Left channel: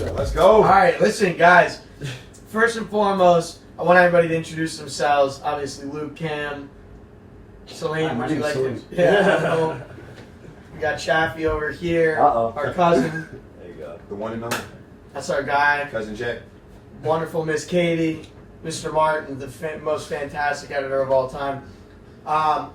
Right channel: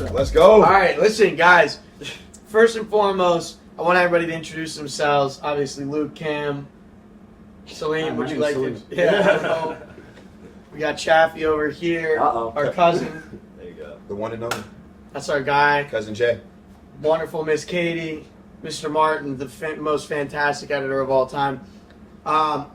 intro. Let's go. All right, listen, guys. First and foremost, I want everybody to introduce themselves. Obviously, Luke, Cam, Salim. Would you like to? Yeah. Hello. We got Chaffee over here. Our cousin. There you go. The one and only. That's our guy. Cousin Jay. Wonderful Miss Katie. Mr. Martin, the most fantastic editor of all time.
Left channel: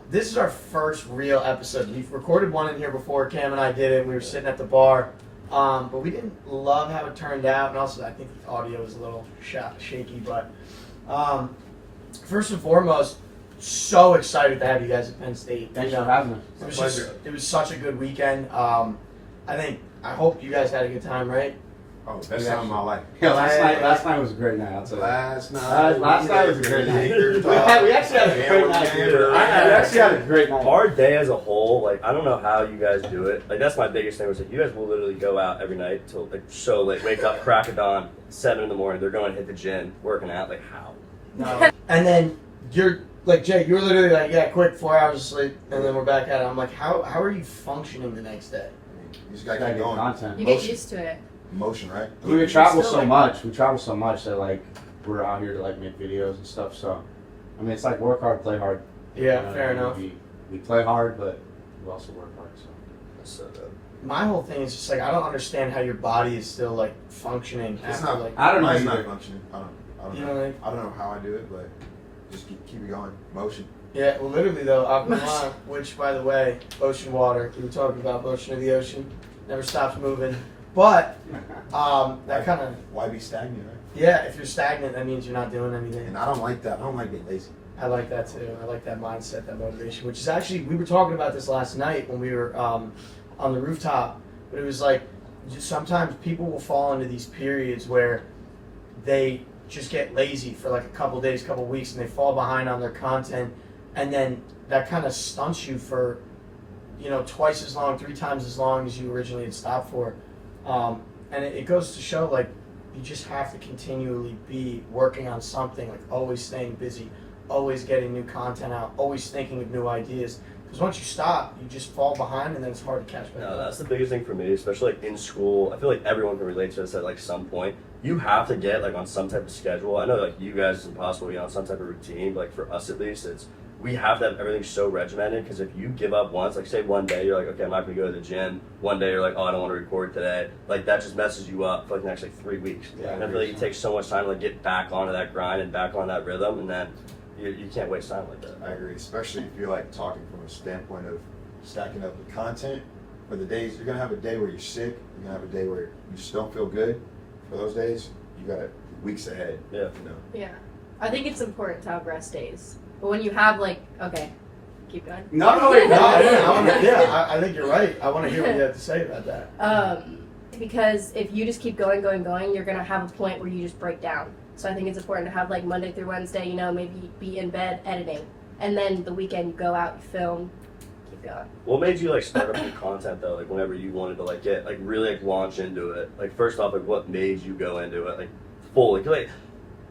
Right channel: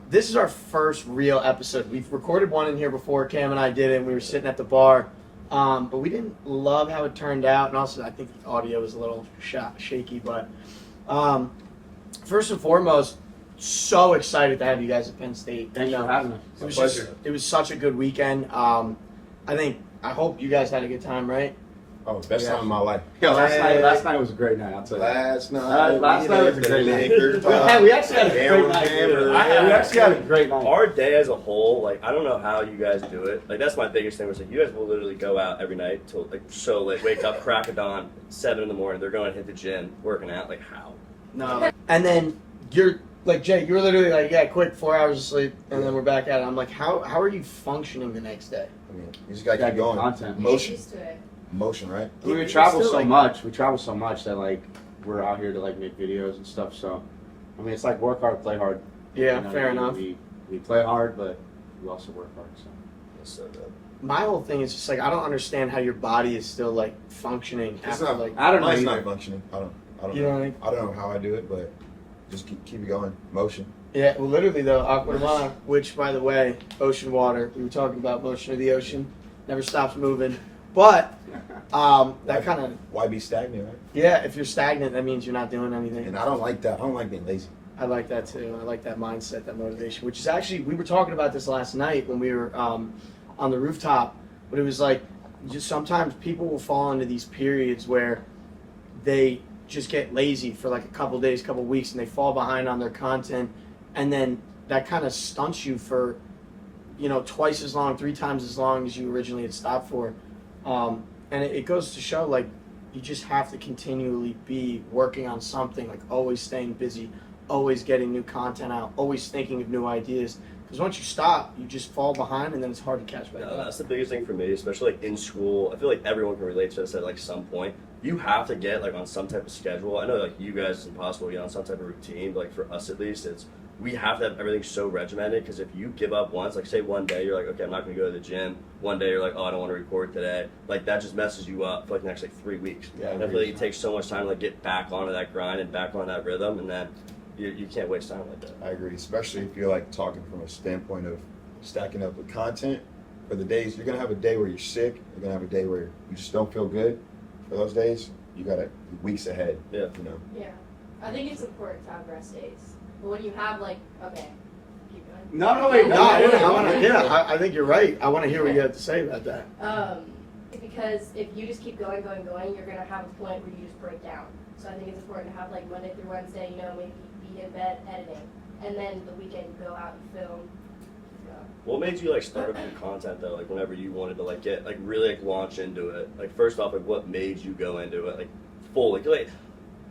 This is our first real episode. We've recorded one in here before. Cam and I did it. We were sitting at the bar. But we didn't love how it turned out. And also, I think the audio was a little shaky. But first and foremost, so excited to have you guys at Penn State. Thanks for having us. It was such a good weekend. I hope you guys had a good time, right? Oh, best time of my life. Yeah, last night was a great night. I'll tell you. Last night was a great night. We actually had a great night. We actually had a great night. Our day as a whole, like, I don't know how you guys do it. Like, that's my biggest thing was that you guys will literally go out every night till like so late, wake up, crack of dawn, 7 in the morning. They're going to hit the gym, working out. Like, how? No. And then you're like, Jay, you're literally like, yeah, quick, 4 hours of sleep, and then we're back at it. I'm like, how are you functioning the next day? I mean, you just gotta keep going. Content. You get used to it. Motion, right? We travel so much. We travel so much that like we're out here to like make videos and stuff. So, I mean, it's like work hard, play hard. Yeah, you know, fair enough. We play hard, but we also work hard. So. My whole thing is just like I don't understand how your body is still like functioning. It's after, not like I don't know. It's Either. not functioning. I don't you know. know what I mean? I don't know how I do it, but just keep it going. Motion. Yeah, well, literally though, Aqua Ma, which by the way, ocean water. We were talking about motion of the ocean, never stops moving. But that kind of Why be stagnant, right? yeah. If you're stagnant, that means you're not doing anything. And I don't like that. I don't like being lazy. I like that too. I like that mindset, that motivation. Which is actually we were talking about this last night when we were on the rooftop. But it was like just sometimes people will fall into these periods where they just get lazy for like a couple days, couple weeks, and they fall behind on their content, and then that kind of stunts you for, twice as long, 3 times as long as you originally had stopped for. And it goes to show, like, you just have to continually be working on something, like always staying busy, always getting new content out, always thinking of new ideas. Because once you stop, you just fall behind, and then it's hard to catch back up. That's the biggest thing for me, especially like in school. I feel like everyone can relate to this at like some point. You have to get like on some type of schedule. I know like you guys it's impossible to get on some type of routine, but like for us at least, we have to have everything so regimented because if you give up once, like say one day you're like, okay, I'm not going to go to the gym. One day you're like, oh, I don't want to record today. Like that just messes you up for like the next like 3 weeks. Yeah, and I feel like it takes so much time to like get back onto that grind and back on that rhythm, and then you can't waste time like that. I agree, especially if you're like talking from a standpoint of stacking up the content. For the days, you're gonna have a day where you're sick. You're gonna have a day where you just don't feel good. For those days, you gotta weeks ahead. Yeah. Yeah. I think it's important to have rest days. But when you have okay, keep going. I think you're right. I want to hear what you have to say about that. Because if you just keep going, you're gonna have a point where you just break down. So I think it's important to have like Monday through Wednesday, maybe be in bed editing. And then the weekend you go out, you film, keep going. What made you like start up new content though? Like whenever you wanted to like get like really like launch into it. Like first off, like what made you go into it like fully? Cause like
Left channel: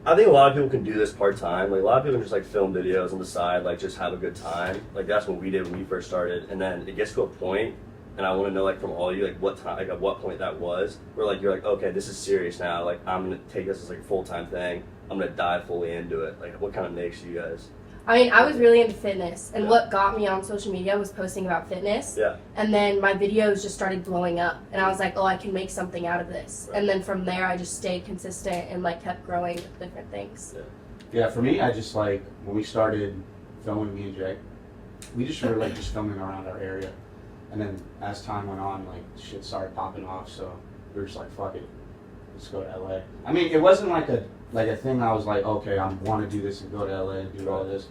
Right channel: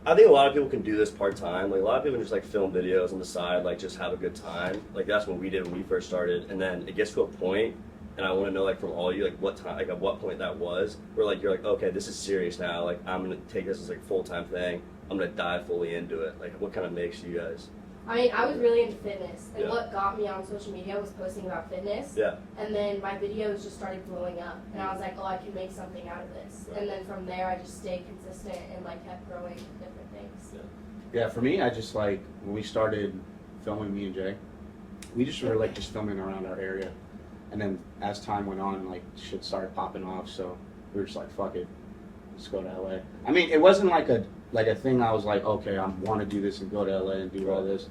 I think a lot of people can do this part time. Like a lot of people can just like film videos on the side, like just have a good time. Like that's what we did when we first started. And then it gets to a point, and I want to know like from all of you like what time, like at what point that was, where like you're like, okay, this is serious now. Like I'm gonna take this as like a full time thing. I'm gonna dive fully into it. Like what kind of makes you guys? I mean, I was really into fitness, and what got me on social media was posting about fitness. Yeah. And then my videos just started blowing up, and I was like, oh, I can make something out of this. Right. And then from there, I just stayed consistent and like kept growing different things. Yeah, for me, I just like when we started filming, me and Jay, we just were like just filming around our area, and then as time went on, like shit started popping off. So we were just like, fuck it, let's go to LA. I mean, it wasn't like a thing. I was like, okay, I want to do this and go to LA and do all this.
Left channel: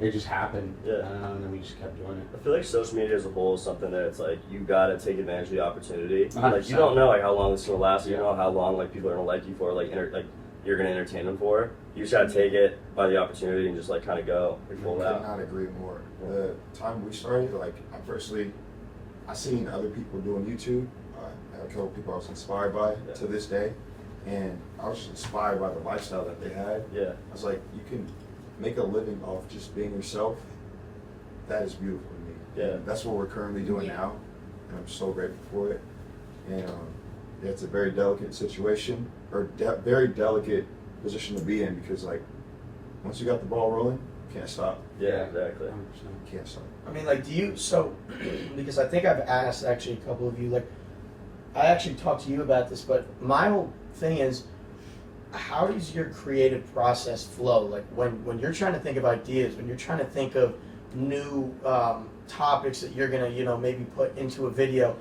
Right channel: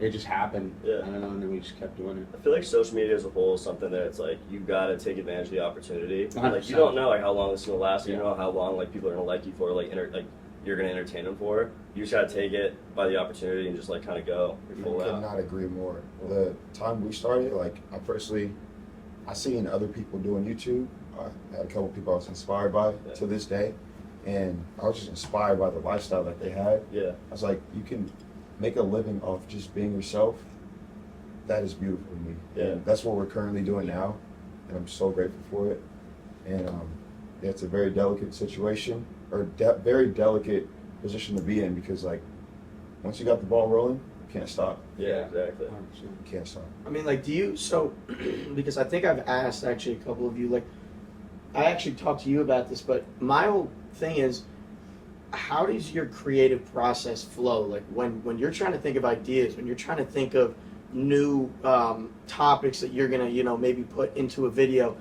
It just happened. Yeah. I don't know, and then we just kept doing it. I feel like social media as a whole is something that it's like you gotta take advantage of the opportunity. 100%. Like you don't know like how long this is gonna last. You don't know how long like people are gonna like you for, like you're gonna entertain them for. You just gotta take it by the opportunity and just like kind of go. I could not agree more. The time we started, like I seen other people doing YouTube. I had a couple people I was inspired by to this day, and I was just inspired by the lifestyle that they had. Yeah. I was like, you can make a living off just being yourself. That is beautiful to me. Yeah. And that's what we're currently doing now, and I'm so grateful for it. And it's a very delicate situation, or very delicate position to be in, because like once you got the ball rolling, you can't stop. Yeah, exactly. You can't stop. I mean, like, do you, so, because I think I've asked actually a couple of you, like, I actually talked to you about this, but my whole thing is, how does your creative process flow? Like, when you're trying to think of ideas, when you're trying to think of new topics that you're gonna, maybe put into a video,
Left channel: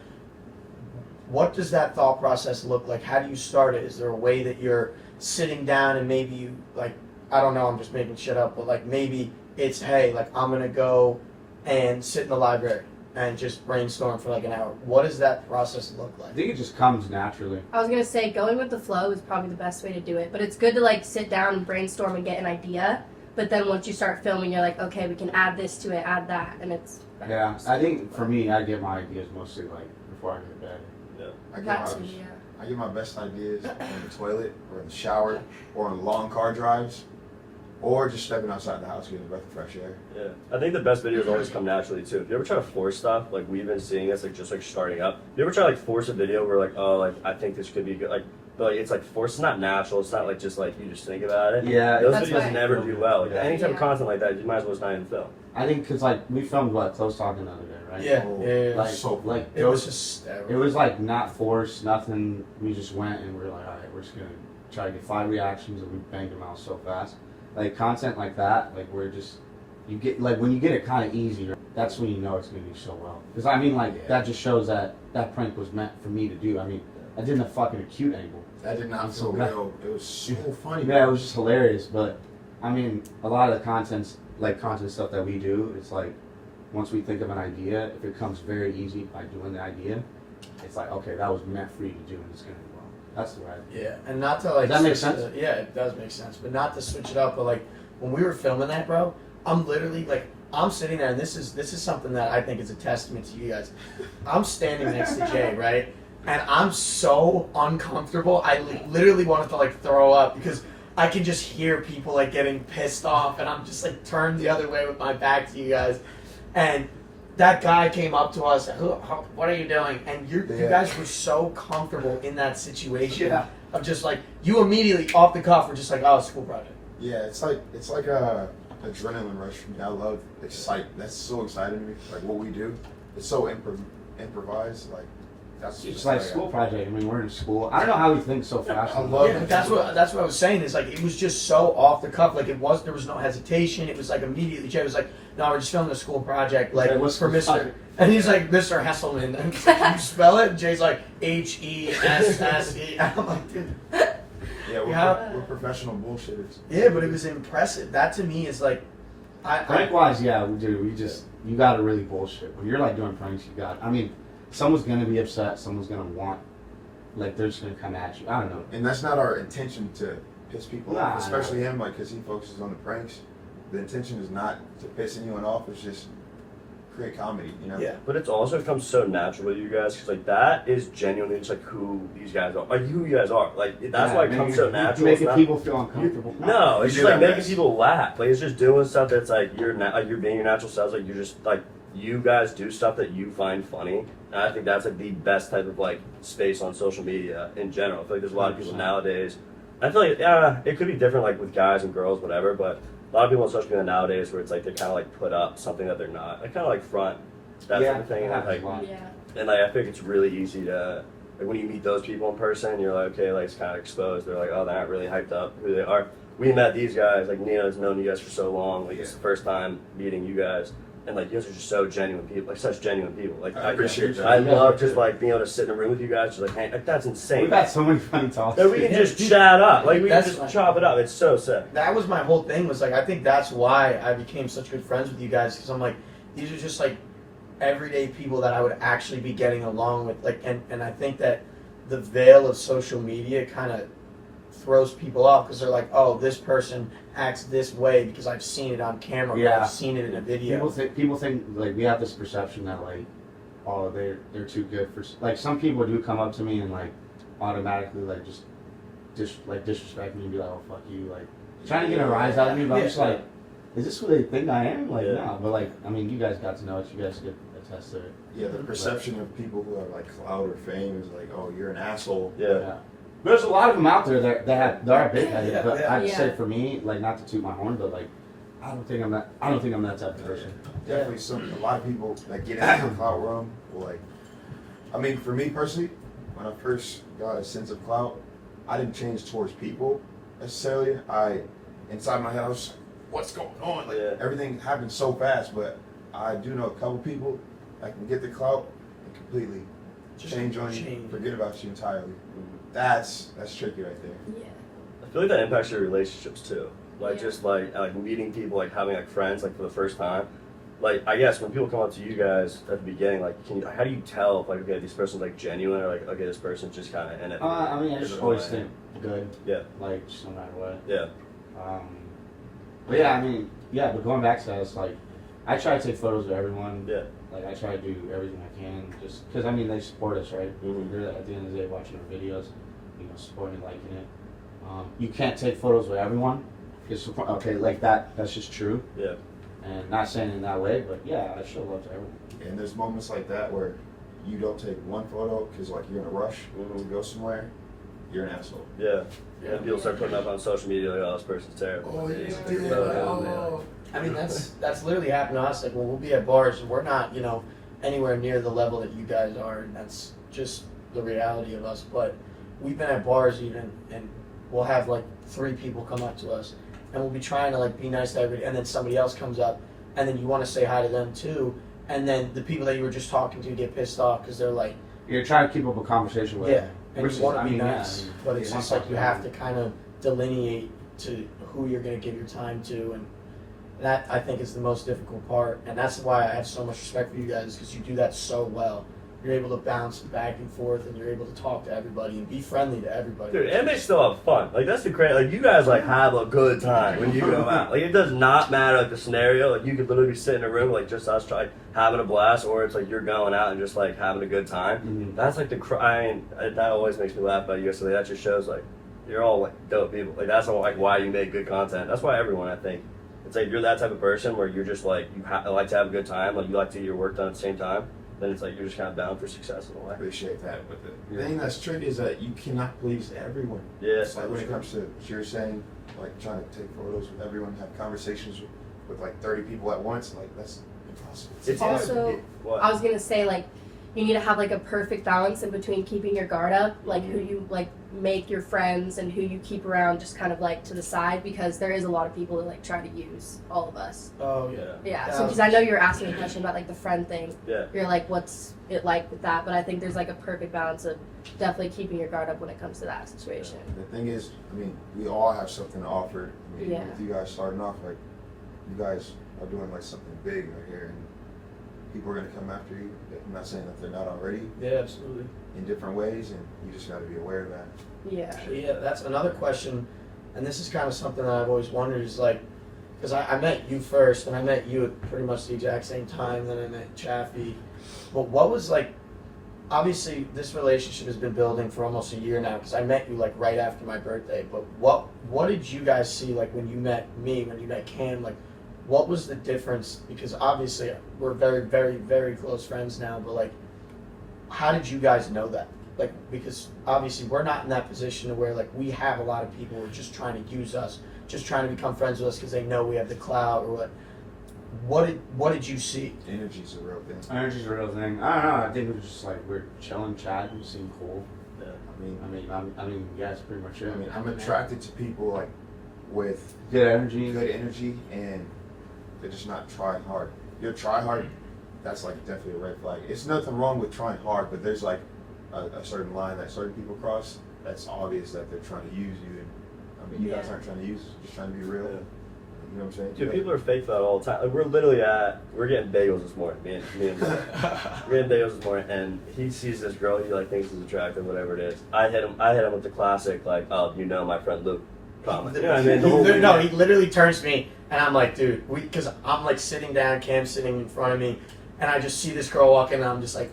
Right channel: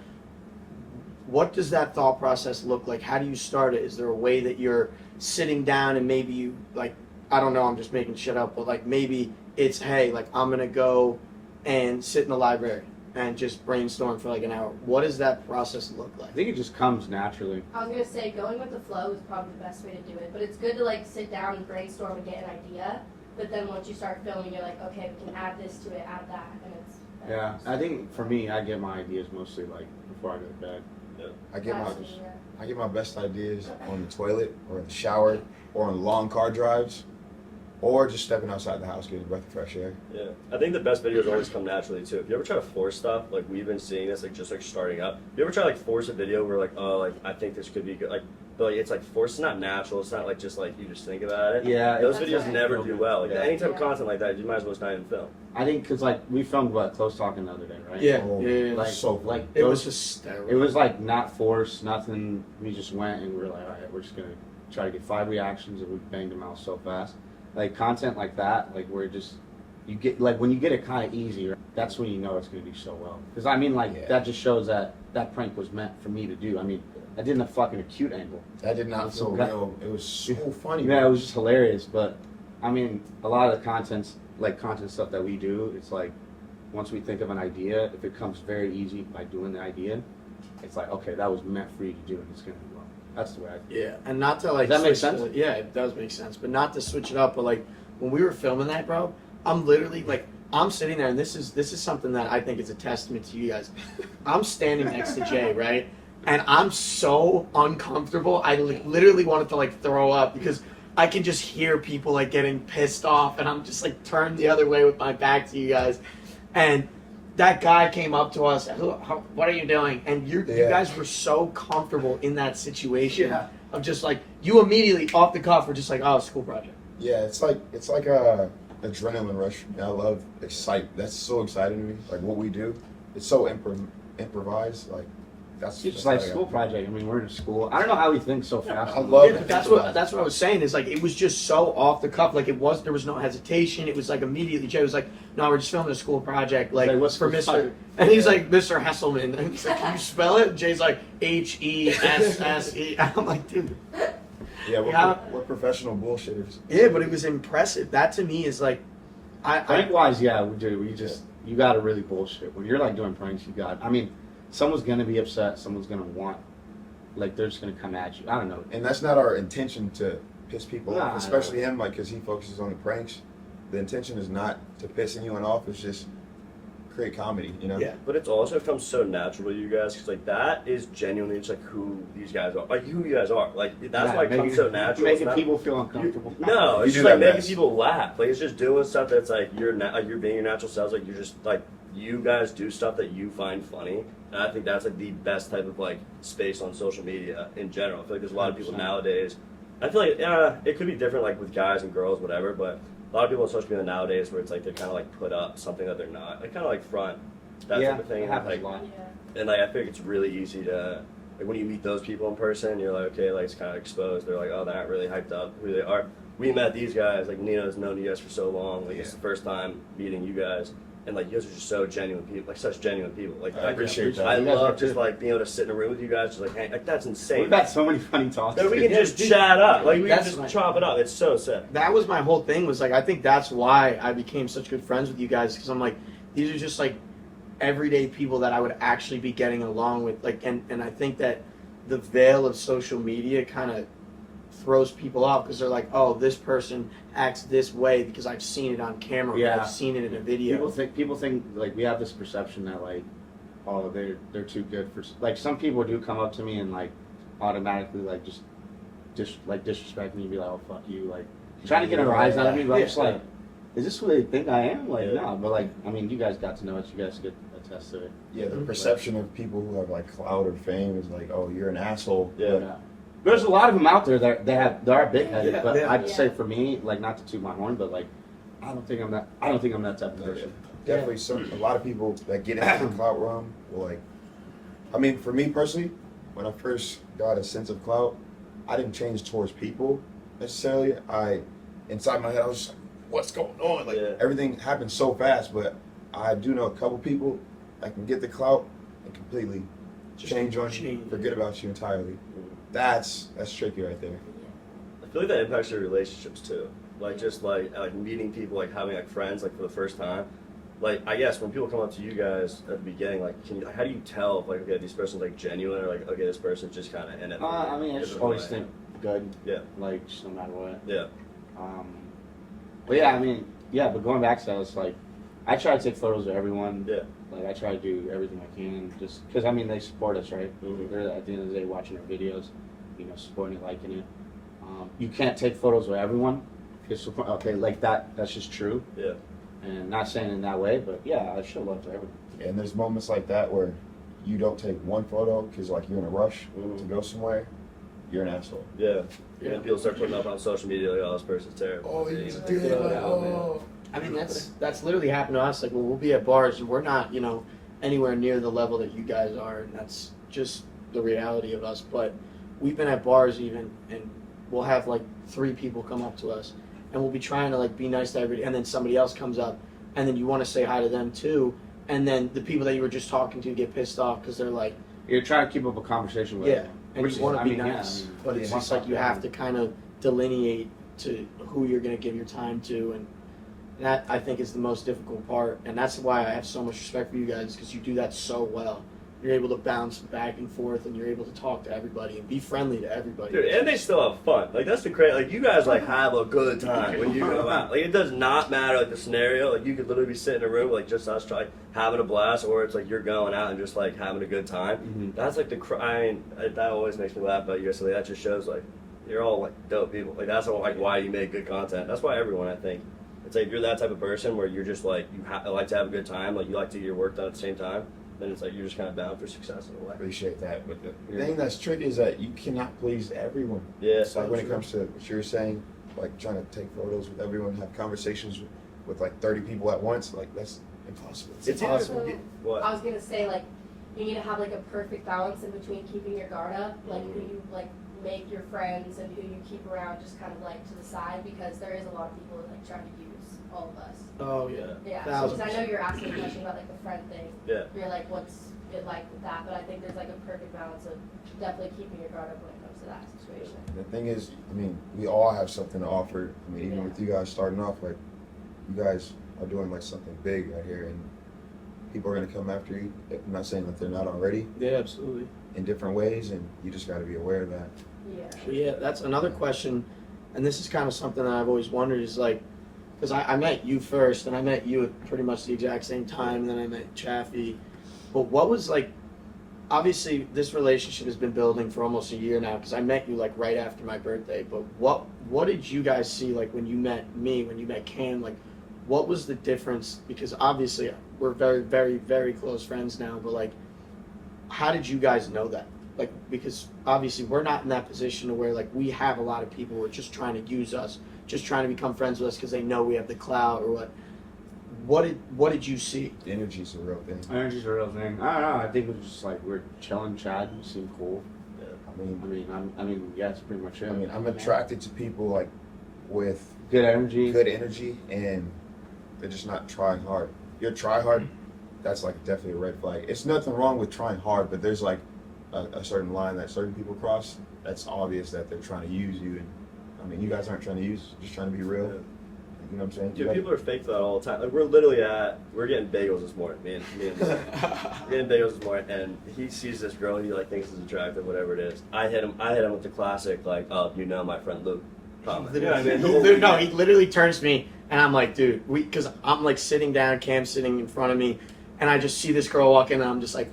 what does that thought process look like? How do you start it? Is there a way that you're sitting down and maybe you, like, I don't know, I'm just making shit up, but like maybe it's, hey, like I'm gonna go and sit in the library and just brainstorm for like an hour. What does that process look like? I think it just comes naturally. I was gonna say going with the flow is probably the best way to do it, but it's good to like sit down and brainstorm and get an idea. But then once you start filming, you're like, okay, we can add this to it, add that, and it's better. Yeah, I think for me, I get my ideas mostly like before I go to bed. I get That's my me, yeah. I get my best ideas on the toilet or in the shower or on long car drives, or just stepping outside the house getting a breath of fresh air. Yeah, I think the best videos always come naturally too. If you ever try to force stuff, like we've been seeing this, like just like starting up. If you ever try to like force a video where like, oh, like I think this could be good, but like it's like forced, it's not natural. It's not like just like you just think about it. Yeah, those That's videos right. never do well. Like Yeah. any type of Yeah. content like that, you might as well just not even film. I think because like we filmed Close Talking the other day, right? Yeah, Oh, yeah. Like So like It was those, hysterical. it was like not forced, nothing. We just went and we were like, all right, we're just gonna try to get 5 reactions, and we banged them out so fast. Like content like that, like where just you get like when you get it kind of easy, that's when you know it's gonna do so well. Because I mean, like Yeah. that just shows that that prank was meant for me to do. I mean, I did a fucking acute angle. That did not So feel good. real. It was so funny. Yeah, it was just hilarious. But I mean, a lot of the content stuff that we do, it's like once we think of an idea, if it comes very easy by doing the idea, it's like okay, that was meant for you to do, and it's gonna do well. That's the way. Yeah, and not to like. Does that make switch sense? yeah, it does make sense, but not to switch it up. But like when we were filming that, bro, I'm literally like I'm sitting there, and this is something that I think is a testament to you guys. I'm standing next to Jay, right, and I'm so uncomfortable. I literally wanted to like throw up because I can just hear people like getting pissed off, and I'm just like turned the other way with my back to you guys, and. That guy came up to us. What are you doing? And you Yeah. guys were so comfortable in that situation. Yeah. Of just like you immediately off the cuff were just like, oh, school project. Yeah, it's like a adrenaline rush for me. I love that's so exciting to me. Like what we do, it's so improvised. Like that's It's like school project. I mean, we're in school. I don't know how he thinks so fast. I love Yeah, it. but that's what I was saying is like it was just so off the cuff. Like there was no hesitation. It was like immediately Jay was like, no, we're just filming a school project like Okay, what's for the Mr. project? And he's like Mr. Hesselman. And it's like, can you spell it? And Jay's like HESSE. And I'm like, dude. Yeah, Yeah. we're professional bullshitters. Yeah, but it was impressive. That to me is like, Prank wise, yeah, we do. You gotta really bullshit. When you're like doing pranks, I mean, someone's gonna be upset. Someone's gonna want, like, they're just gonna come at you. I don't know. And that's not our intention to piss people Nah, off, especially him, like, because he focuses on the pranks. The intention is not to piss anyone off. It's just create comedy, you know? Yeah. But it's also come so natural to you guys because like that is genuinely just like who these guys are, like who you guys are. Like that's why it comes so natural. It's Making not- people feel uncomfortable. No, You it's do just like that making best. people laugh. Like it's just doing stuff that's like you're being your natural selves. Like you're just like you guys do stuff that you find funny, and I think that's like the best type of like space on social media in general. I feel like there's a lot of people nowadays. I feel like it could be different like with guys and girls, whatever. But a lot of people on social media nowadays where it's like they kind of like put up something that they're not. Like kind of like front that Yeah, type of thing. that And, happens like, a lot. Yeah. and like I think it's really easy to like when you meet those people in person, you're like, okay, like it's kind of exposed. They're like, oh, they're not really hyped up who they are. We met these guys. Like Nina's known you guys for so long. Like it's the first time meeting you guys, and like you guys are just so genuine people. Like such genuine people. Like I appreciate that. I You guys love are just too. like being able to sit in a room with you guys. Just like, hey, like that's insane. We've had so many funny talks. Like, we can just chat up. Like we can That's just right. chop it up. It's so sick. That was my whole thing. Was like I think that's why I became such good friends with you guys because I'm like these are just like everyday people that I would actually be getting along with. Like and I think that the veil of social media kind of throws people off because they're like, oh, this person acts this way because I've seen it on camera. Or Yeah. I've seen it in a video. People think like we have this perception that like, oh, they're too good for like some people do come up to me and like automatically like just disrespect me and be like, oh fuck you, like trying to get a rise out of me, but I'm just like, is this who they think I am? Like, Yeah. no, but like, I mean, you guys got to know it. You guys could attest to it. Yeah, the perception of people who have like clout or fame is like, oh, you're an asshole. Yeah. There's a lot of them out there that are big headed, Yeah, but yeah. I'd say Yeah. for me, like, not to toot my horn, but like, I don't think I'm that type of person. Definitely a lot of people that get into the clout realm will like, I mean, for me personally, when I first got a sense of clout, I didn't change towards people necessarily. Inside my head, I was just like, what's going on? Like, Yeah. everything happened so fast, but I do know a couple people that can get the clout and completely change on you, forget about you entirely. That's tricky right there. I feel like that impacts your relationships too. Like just like meeting people, like having like friends like for the first time. Like I guess when people come up to you guys at the beginning, like how do you tell if, like, okay, this person's like genuine or like, okay, this person's just kind of in it? I mean, I just always think good. Yeah. Like, just no matter what. Yeah. But yeah, I mean, yeah, but going back to that, it's like, I try to take photos of everyone. Yeah. Like, I try to do everything I can, just because, I mean, they support us, right? Mhm. They're, at the end of the day, watching our videos, you know, supporting, liking it. You can't take photos of everyone. Just, okay, like that's just true. Yeah. And not saying it in that way, but yeah, I show love to everyone. And there's moments like that where you don't take one photo because like you're in a rush to go somewhere. You're an asshole. Yeah. Yeah. And people start putting up on social media like, oh, this person's terrible. Oh, Yeah, you it's did a it. photo, Oh. I mean, that's literally happened to us. Like, when we'll be at bars and we're not, you know, anywhere near the level that you guys are, and that's just the reality of us. But we've been at bars even, and we'll have like 3 people come up to us, and we'll be trying to like be nice to everybody, and then somebody else comes up, and then you want to say hi to them too, and then the people that you were just talking to get pissed off because they're like, You're trying to keep up a conversation with yeah, them. and Which you is- want I to be mean, yeah, nice, I mean, but it's yeah, just like you have to kind of delineate to who you're going to give your time to, and that I think is the most difficult part, and that's why I have so much respect for you guys, because you do that so well. You're able to bounce back and forth, and you're able to talk to everybody and be friendly to everybody. Dude, and they still have fun. Like that's the crazy. Like you guys like have a good time when you go out. Like it does not matter like the scenario. Like you could literally be sitting in a room like just us trying having a blast, or it's like you're going out and just like having a good time. Mhm. That's like the crying. That always makes me laugh about you guys. So that just shows like you're all like dope people. Like that's like why you make good content. That's why everyone I think. It's like you're that type of person where you're just like you like to have a good time. Like you like to get your work done at the same time. Then it's like you're just kind of bound for success in a I way. appreciate that. But the thing that's tricky is that you cannot please everyone. Yeah. It's like when it comes to what you're saying, like trying to take photos with everyone, have conversations with like 30 people at once, like that's impossible. It's Also, What? I was gonna say, like, you need to have like a perfect balance in between keeping your guard up, like who you like make your friends and who you keep around, just kind of like to the side, because there is a lot of people that like try to use all of us. Oh yeah. Yeah. So because I know you're asking a question about like the friend thing. Yeah. You're like, what's it like with that? But I think there's like a perfect balance of definitely keeping your guard up when it comes to that situation. The thing is, I mean, we all have something to offer. I mean, even Yeah. with you guys starting off, like, you guys are doing like something big out here, and people are gonna come after you. I'm not saying that they're not already Yeah, absolutely. in different ways, and you just got to be aware of that. Yeah. But yeah, that's another question, and this is kind of something that I've always wondered is like, because I met you first, and I met you at pretty much the exact same time, and then I met Chaffee. But what was like, obviously this relationship has been building for almost a year now, because I met you like right after my birthday, but what did you guys see like when you met me, when you met Cam, like what was the difference? Because obviously we're very, very, very close friends now, but like, how did you guys know that? Like, because obviously we're not in that position to where like we have a lot of people who are just trying to use us, just trying to become friends with us because they know we have the clout or what. What did you see? The energy's a real thing. Energy's a real thing. I don't know. I think it was just like we're chilling, chatting, seem cool. I mean, Yeah, that's pretty much it. I mean, I'm attracted to people like with Good energy. good energy, and they're just not trying hard. You're try hard, that's like definitely a red flag. It's nothing wrong with trying hard, but there's like a certain line that certain people cross. That's obvious that they're trying to use you, and I mean, you guys aren't trying to use, just trying to be real. You know what I'm saying? Dude, people are fake for that all the time. Like we're getting bagels this morning, me and we're getting bagels this morning, and he sees this girl he like thinks is attractive, whatever it is. I hit him with the classic like, oh, you know my friend Luke comment. You know what I mean? He literally turns to me, and I'm like, dude, because I'm like sitting down, Cam's sitting in front of me, and I just see this girl walk in, and I'm just like,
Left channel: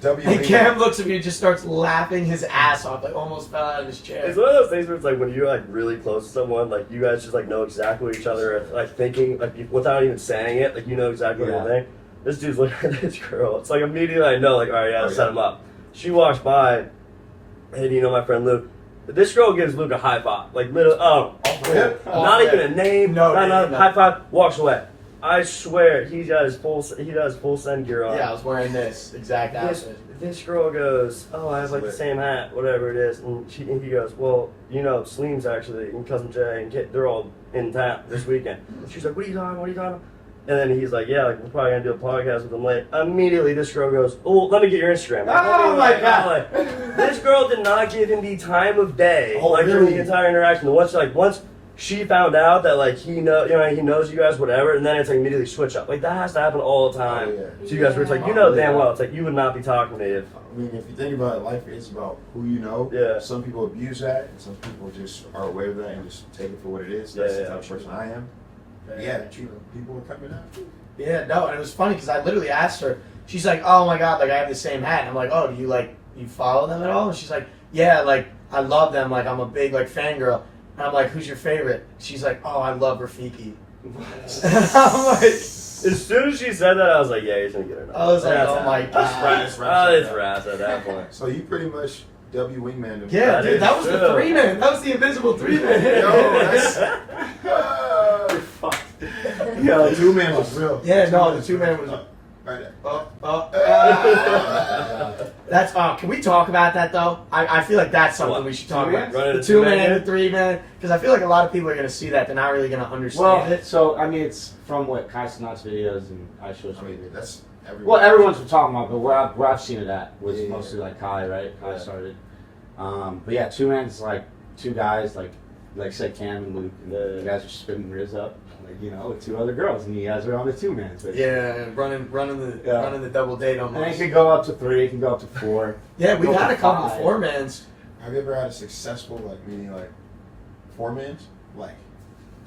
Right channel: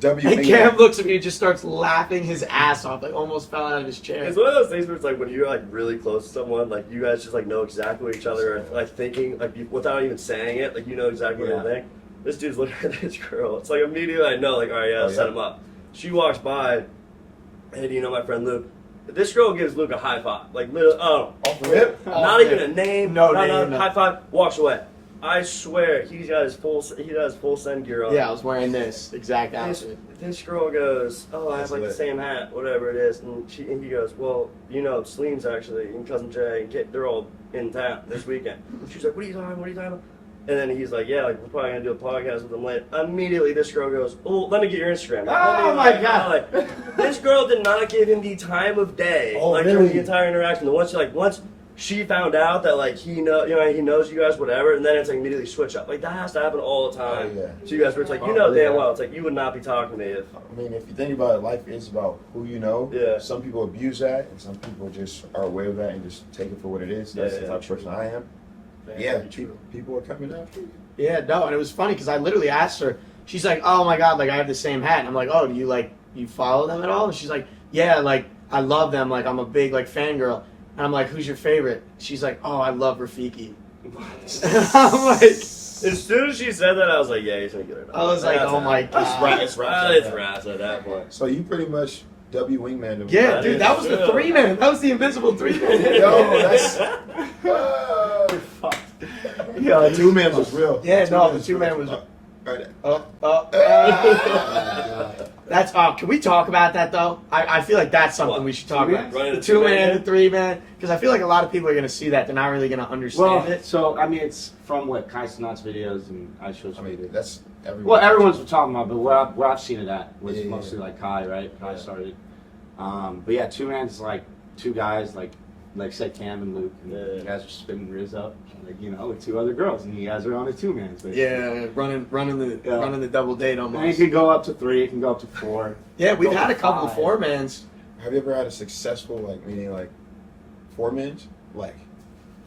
W. And Cam looks at me and just starts laughing his ass off, like almost fell out of his chair. It's one of those things where it's like when you're like really close to someone, like you guys just like know exactly what each other are like thinking, like without even saying it, like you know exactly what they think. This dude's looking at this girl. It's like immediately I know, like, all right, yeah, set him up. She walks by, hey, do you know my friend Luke? This girl gives Luke a high five, like literally, Off the rip? not even a name, No not name, a high five, walks away. I swear, he does full send gear on. Yeah, I was wearing this exact outfit. This girl goes, oh, I have like the same hat, whatever it is, and he goes, well, you know, Salim's actually and cousin Jay and they're all in town this weekend. She's like, what are you talking? What are you talking about? And then he's like, yeah, like we're probably gonna do a podcast with them later. Immediately, this girl goes, oh, let me get your Instagram. Oh my God! This girl did not give him the time of day, Oh, like during really? the entire interaction. And once she found out that like he knows you guys, whatever, and then it's like immediately switch up. Like that has to happen all the time. Oh, yeah. So you guys were like, you know damn well, it's like you would not be talking to me if. I mean, if you think about it, life is about who you know. Yeah. Some people abuse that. Some people just are aware of that and just take it for what it is. That's the type of person I am. Yeah, people are coming after you. Yeah, no, and it was funny because I literally asked her. She's like, "Oh my God, like I have the same hat." And I'm like, "Oh, do you follow them at all?" And she's like, "Yeah, like I love them. Like I'm a big like fangirl." And I'm like, "Who's your favorite?" She's like, "Oh, I love Rafiki." I'm like, As soon as she said that, I was like, yeah, he's gonna get her. I was like, "Oh my God." It's rap. It's rats at that point. So you pretty much W wingman. Yeah, That dude, is that was the true. 3-man. That was the invisible 3-man. Yo, that's. Fucked. The 2-man was real. Yeah, no, the 2-man was. Right there. That's can we talk about that though? I feel like that's something What? we should talk about. Running The a 2-man two-man? and the 3-man, because I feel like a lot of people are gonna see that. They're not really gonna understand Well, it. so I mean, it's from what Kai Sinat's videos and I show I mean, videos. that's everyone. Well, everyone's talking about, but where I've seen it at was Yeah. mostly like Kai, right? Kai started. But yeah, 2-man's like two guys, like say Cam and Luke, and Yeah. you guys are spinning Riz up, like with 2 other girls, and you guys are on the 2-man. So Yeah, running the double date And it almost. can go up to 3, it can go up to 4. Yeah, we've go had to a couple of 5. 4-mans. Have you ever had a successful, meaning 4-man?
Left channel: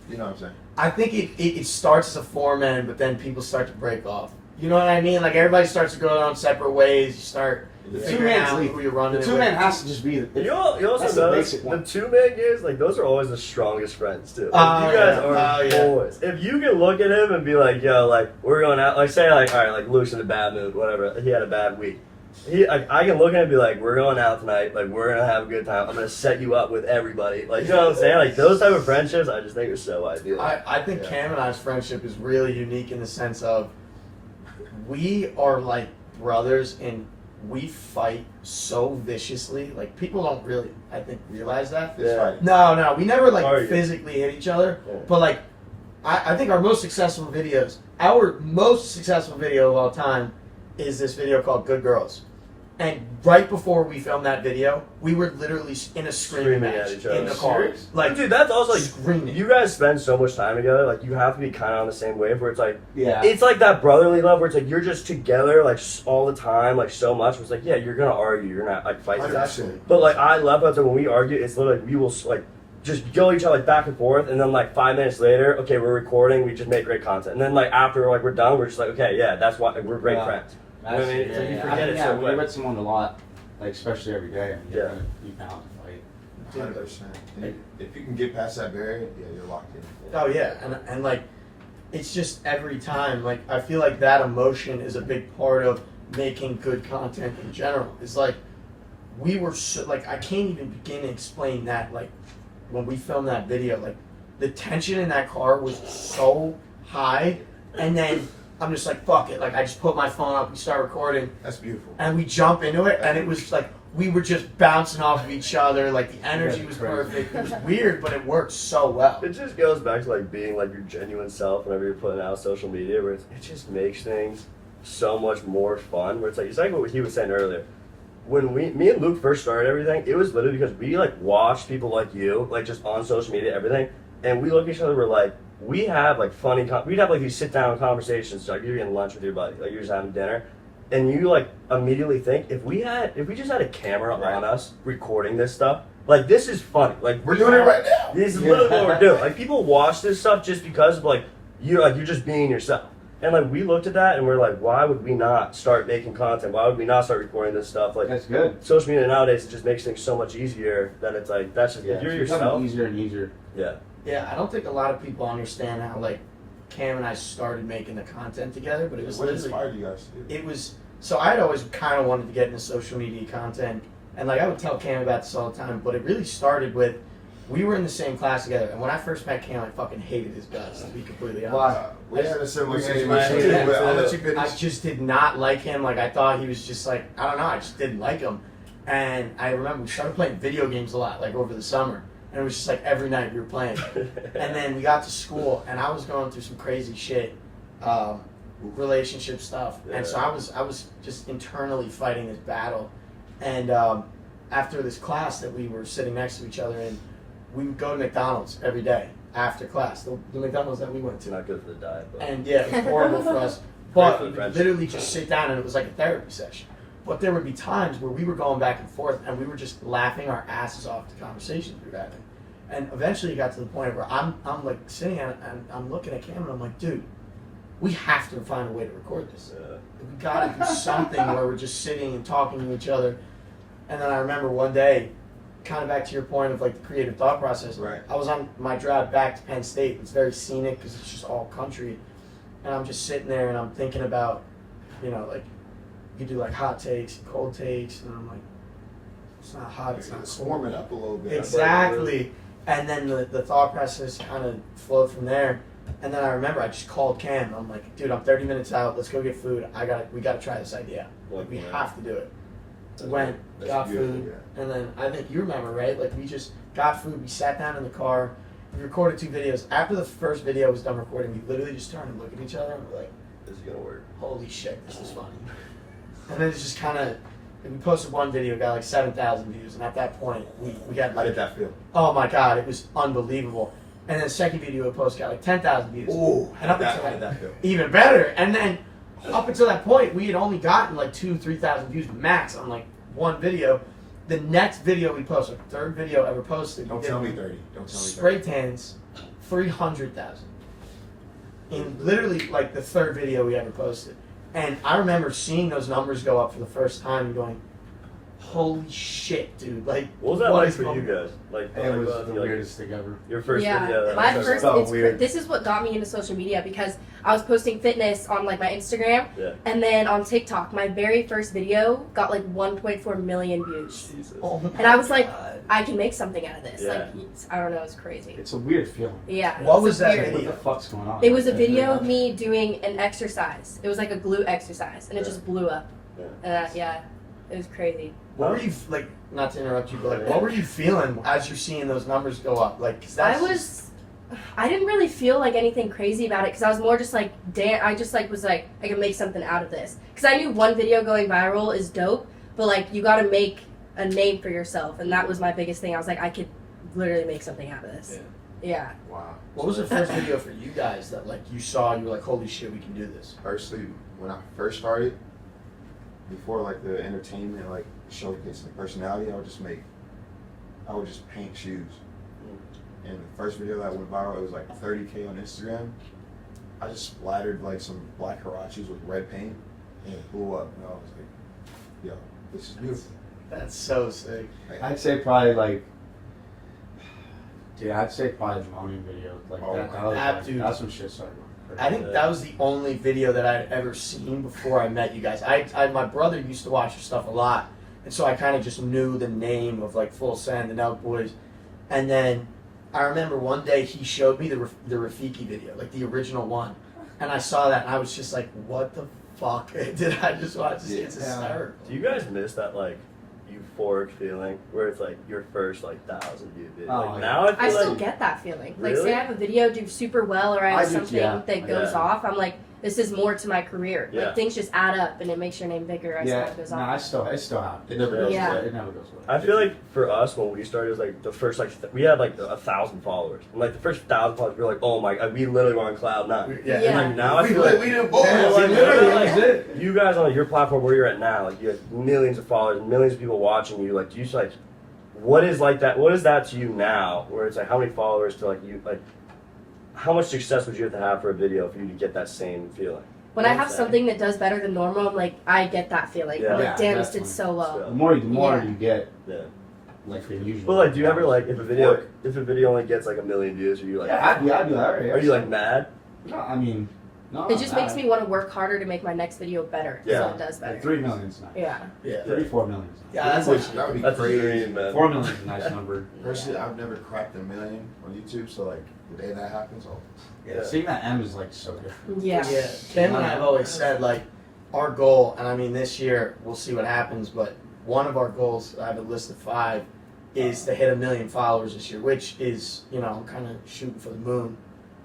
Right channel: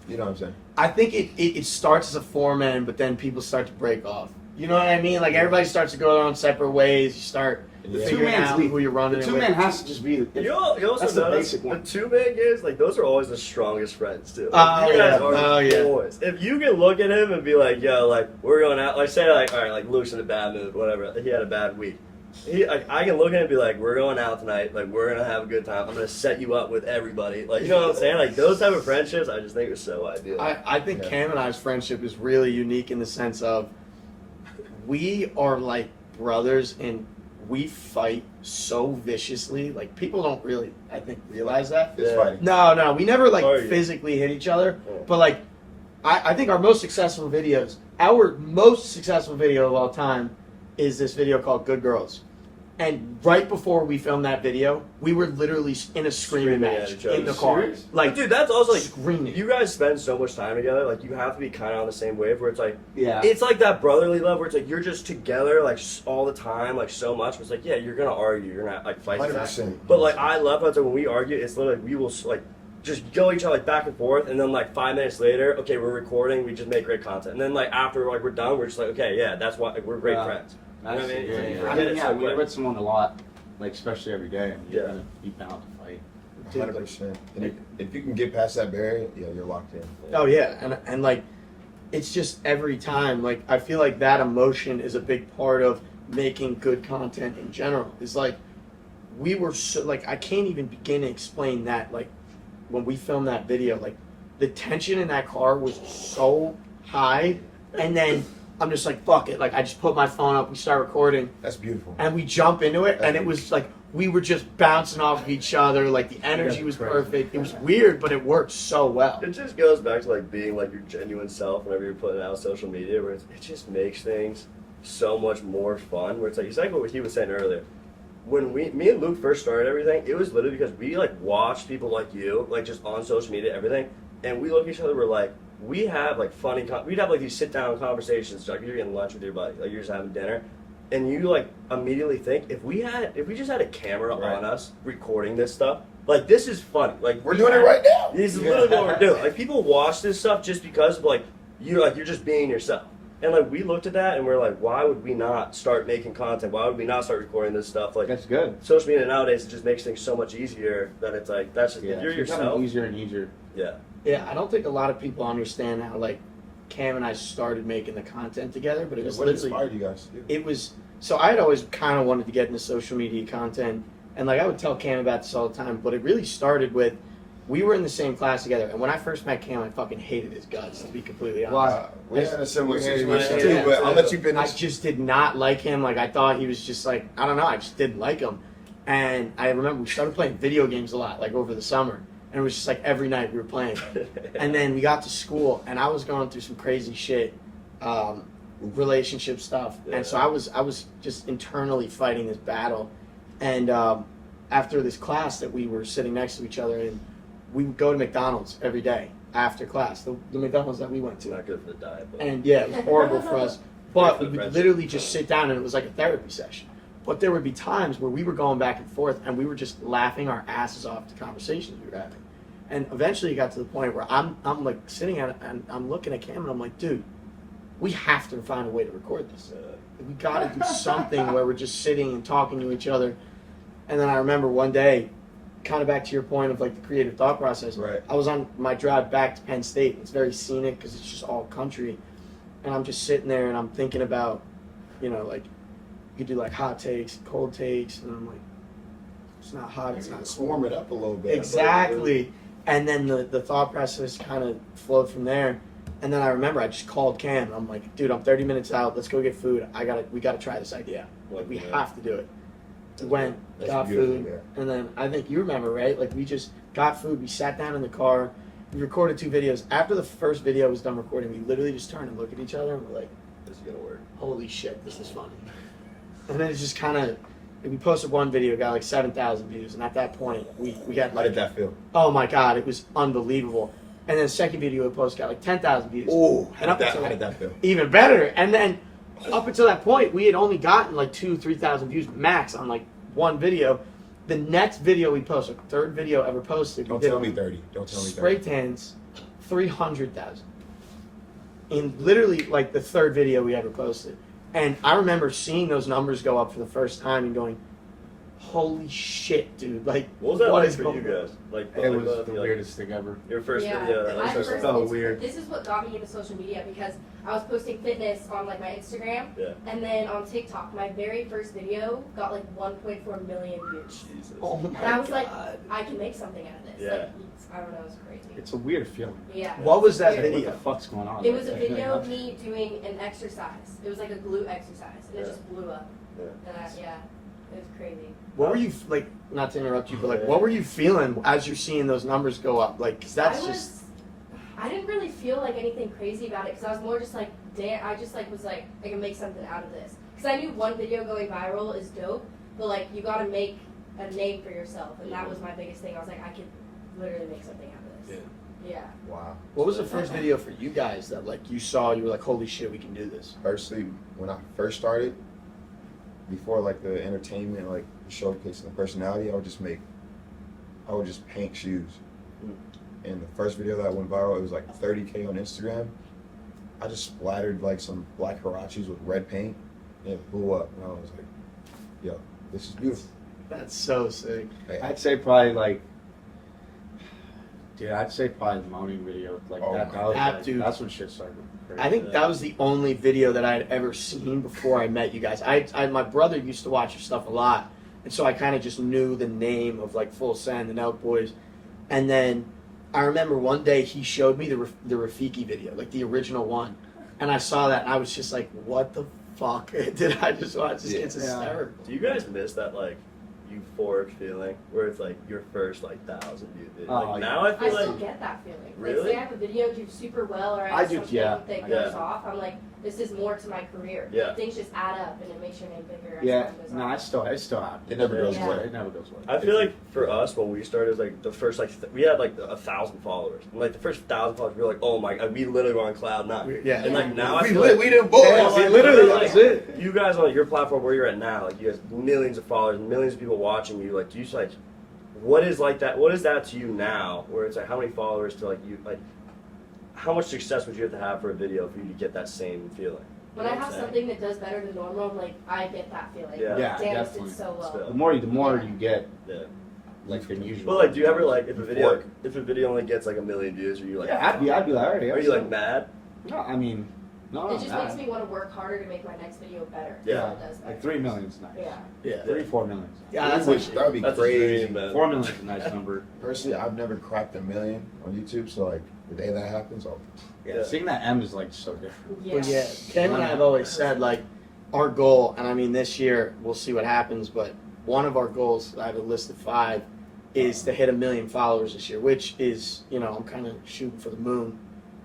You know what I'm saying? I think it starts as a 4-man, but then people start to break off. You know what I mean? Like everybody starts to go their own separate ways. You start Yeah. figuring 2-man's out who you're running The it 2-man with. has to just be the. You also That's the know basic the one. 2-man games, like those are always the strongest friends too. Oh, You yeah. guys are Oh, yeah. boys. If you can look at him and be like, yo, like we're going out, like say like, all right, like Luke's in a bad mood, whatever. He had a bad week. I can look at him and be like, we're going out tonight, like we're gonna have a good time. I'm gonna set you up with everybody. Like you know what I'm saying? Like those type of friendships, I just think are so ideal. I think Yeah. Cam and I's friendship is really unique in the sense of we are like brothers and we fight so viciously. Like people don't really, I think, realize that. It's Yeah. fighting. No, we never like Argue. physically hit each other. Yeah. But like, I think our most successful video of all time is this video called "Good Girls." And right before we filmed that video, we were literally in a screaming Screaming match at each other. in the car. Serious? Like, Dude, that's also like screaming. you guys spend so much time together. Like you have to be kind of on the same wave. Where it's like Yeah. it's like that brotherly love where it's like you're just together like all the time, like so much. It's like yeah, you're gonna argue, you're gonna like fight. Like I said. But like I love that when we argue, it's literally we will like just go each other like back and forth, and then like 5 minutes later, okay, we're recording, we just make great content, and then like after like we're done, we're just like okay, yeah, that's why like, we're great Yeah. friends. That's, I mean, yeah, so you yeah. forget it so when quick. you're with someone a lot, like especially every day, and you're Yeah. gonna be bound to fight. 100%. And if you can get past that barrier, yeah, you're locked in. Oh yeah, and like, it's just every time. Like I feel like that emotion is a big part of making good content in general. It's like we were so like I can't even begin to explain that. Like when we filmed that video, like the tension in that car was so high, and then I'm just like fuck it. Like I just put my phone up, we start recording, That's beautiful. and we jump into it, and it was like we were just bouncing off of each other. Like the energy Yeah, was great. perfect. It was weird, but it worked so well. It just goes back to like being like your genuine self whenever you're putting out social media, where it just makes things so much more fun. Where it's like exactly what he was saying earlier. When me and Luke first started everything, it was literally because we like watched people like you, like just on social media, everything, and we look at each other. We're like, we have like funny. We'd have like these sit down conversations. Like you're getting lunch with your buddy, like you're just having dinner, and you like immediately think if we just had a camera on us recording this stuff, like this is funny. Like We're doing it right now. This is literally what we're doing. Like people watch this stuff just because of like you're just being yourself. And like we looked at that and we're like, why would we not start making content? Why would we not start recording this stuff? Like That's good. social media nowadays, it just makes things so much easier that it's like that's just, Yeah, if you're it's becoming yourself. easier and easier. Yeah. Yeah, I don't think a lot of people understand how like Cam and I started making the content together, but it was What literally inspired you guys to do? it was so I had always kind of wanted to get into social media content, and like I would tell Cam about this all the time, but it really started with we were in the same class together, and when I first met Cam, I fucking hated his guts, to be completely honest. Well, We're in a similar Yeah, situation yeah, too, but I'll yeah. let you I finish. just did not like him. Like I thought he was just like I don't know. I just didn't like him. And I remember we started playing video games a lot, like over the summer, and it was just like every night we were playing. And then we got to school, and I was going through some crazy shit, relationship stuff, and so I was just internally fighting this battle. And after this class that we were sitting next to each other in, we would go to McDonald's every day after class. The McDonald's that we went It's to. not good for the diet. But. And yeah, it was horrible for us. But we would Friendship. literally just sit down and it was like a therapy session. But there would be times where we were going back and forth and we were just laughing our asses off the conversations we were having. And eventually it got to the point where I'm like sitting at and I'm looking at Cam and I'm like, dude, we have to find a way to record this. We gotta do something where we're just sitting and talking to each other. And then I remember one day, kind of back to your point of like the creative thought process. Right. I was on my drive back to Penn State. It's very scenic because it's just all country. And I'm just sitting there and I'm thinking about, like, you do like hot takes and cold takes. And I'm like, it's not hot, it's not Let's cold. warm it up a little bit. Exactly. And then the thought process kind of flowed from there. And then I remember I just called Cam. I'm like, dude, I'm 30 minutes out. Let's go get food. We gotta try this idea. Like, we have to do it. We went, That's got beautiful, food, yeah. and then I think you remember, right? Like, we just got food. We sat down in the car. We recorded 2 videos. After the first video was done recording, we literally just turned and looked at each other and we're like, This is gonna work. holy shit, this is funny. And then it's just kind of, we posted one video, got like 7,000 views, and at that point, we got How like, did that feel? oh my god, it was unbelievable. And then the second video we posted got like 10,000 views. Oh, And up until how did that feel? Even better. And then up until that point, we had only gotten like 2,000-3,000 views max on like one video. The next video we posted, third video ever posted, Don't we did tell on me 30. Don't tell me 30. spray tans, 300,000. In literally like the third video we ever posted. And I remember seeing those numbers go up for the first time and going, holy shit, dude. Like, What was that what like is for you going on? guys? Like It was like, the weirdest thing ever. Your first video. That my was first. so It's, weird. This is what got me into social media because I was posting fitness on like my Instagram, Yeah. and then on TikTok, my very first video got like 1.4 million views. Jesus. Oh my And I was like, God. I can make something out of this. Yeah. Like, I don't know, it's crazy. It's a weird feeling. Yeah. What it's was that weird. video? What the fuck's going on? It was a Like, video of me doing an exercise. It was like a glute exercise, and it just blew up. Yeah, it was crazy. What were you, like, not to interrupt you, but like, what were you feeling as you're seeing those numbers go up? Like, because that's I didn't really feel like anything crazy about it because I was more just like, damn, I just like was like, I can make something out of this. Because I knew one video going viral is dope, but like, you got to make a name for yourself, and that was my biggest thing. I was like, I could literally make something out of this. Yeah. Wow. What was the first video for you guys that like you saw, you were like, holy shit, we can do this? Firstly, when I first started, before like the entertainment, like showcasing the personality, I would just paint shoes. And the first video that went viral, it was like 30K on Instagram. I just splattered like some black Hirachis with red paint, and it blew up. And I was like, yo, this is beautiful. That's so sick. I'd say probably like, dude, I'd say probably the moaning video like Oh that. my That was God. like, Dude. that's when shit started. I think that was the only video that I'd ever seen before I met you guys. My brother used to watch your stuff a lot, and so I kind of just knew the name of like Full Send and Elk Boys. And then I remember one day he showed me the Rafiki video, like the original one, and I saw that and I was just like, what the fuck did I just watch? This kid's hysterical. Do you guys miss that like euphoric feeling where it's like your first like 1,000 view video? Oh, Like, yeah. now I I feel still like get that feeling. Like, Really? say I have a video do super well, or I I have do, something yeah. that goes Yeah. off. I'm like, this is more to my career. Yeah. Like, things just add up, and it makes your name bigger as Yeah, time goes no, on. it still happens. It never goes Yeah. away. It never goes away. I feel like for us when we started, it was like the first we had like 1,000 followers. And, like the first 1,000 followers, we were like, oh my god, we literally were on cloud nine. Yeah. And like now I We feel lit, like we didn't boy. Yeah, like, literally, like, that was it. you guys on your platform where you're at now, like you have millions of followers, millions of people watching you. Like, do you just like, what is like that? What is that to you now? Where it's like, how many followers to like you like? How much success would you have to have for a video for you to get that same feeling? When I have something that does better than normal, I'm like, I get that feeling. Yeah. I'm like, Yeah, damn, this definitely. did so well. The more Yeah. you get, Yeah. like than usual. But like, do you ever like if a video only gets like 1 million views, are you like? Yeah, I'd be like, alright. Are you like mad? No, I mean, no. It just makes me want to work harder to make my next video better. Yeah. So it does better. Like 3 million's nice. Yeah. Yeah. 4 million's nice. Yeah, that's Which, that would be That's a great. dream, man. 4 million's a nice number. Personally, I've never cracked 1 million on YouTube, so like the day that happens, I'll. Yeah, seeing that M is like so different. Yeah. But yeah, Cam and I have always said like our goal, and I mean this year we'll see what happens, but one of our goals, I have a list of 5, is to hit 1 million followers this year, which is, you know, I'm kind of shooting for the moon,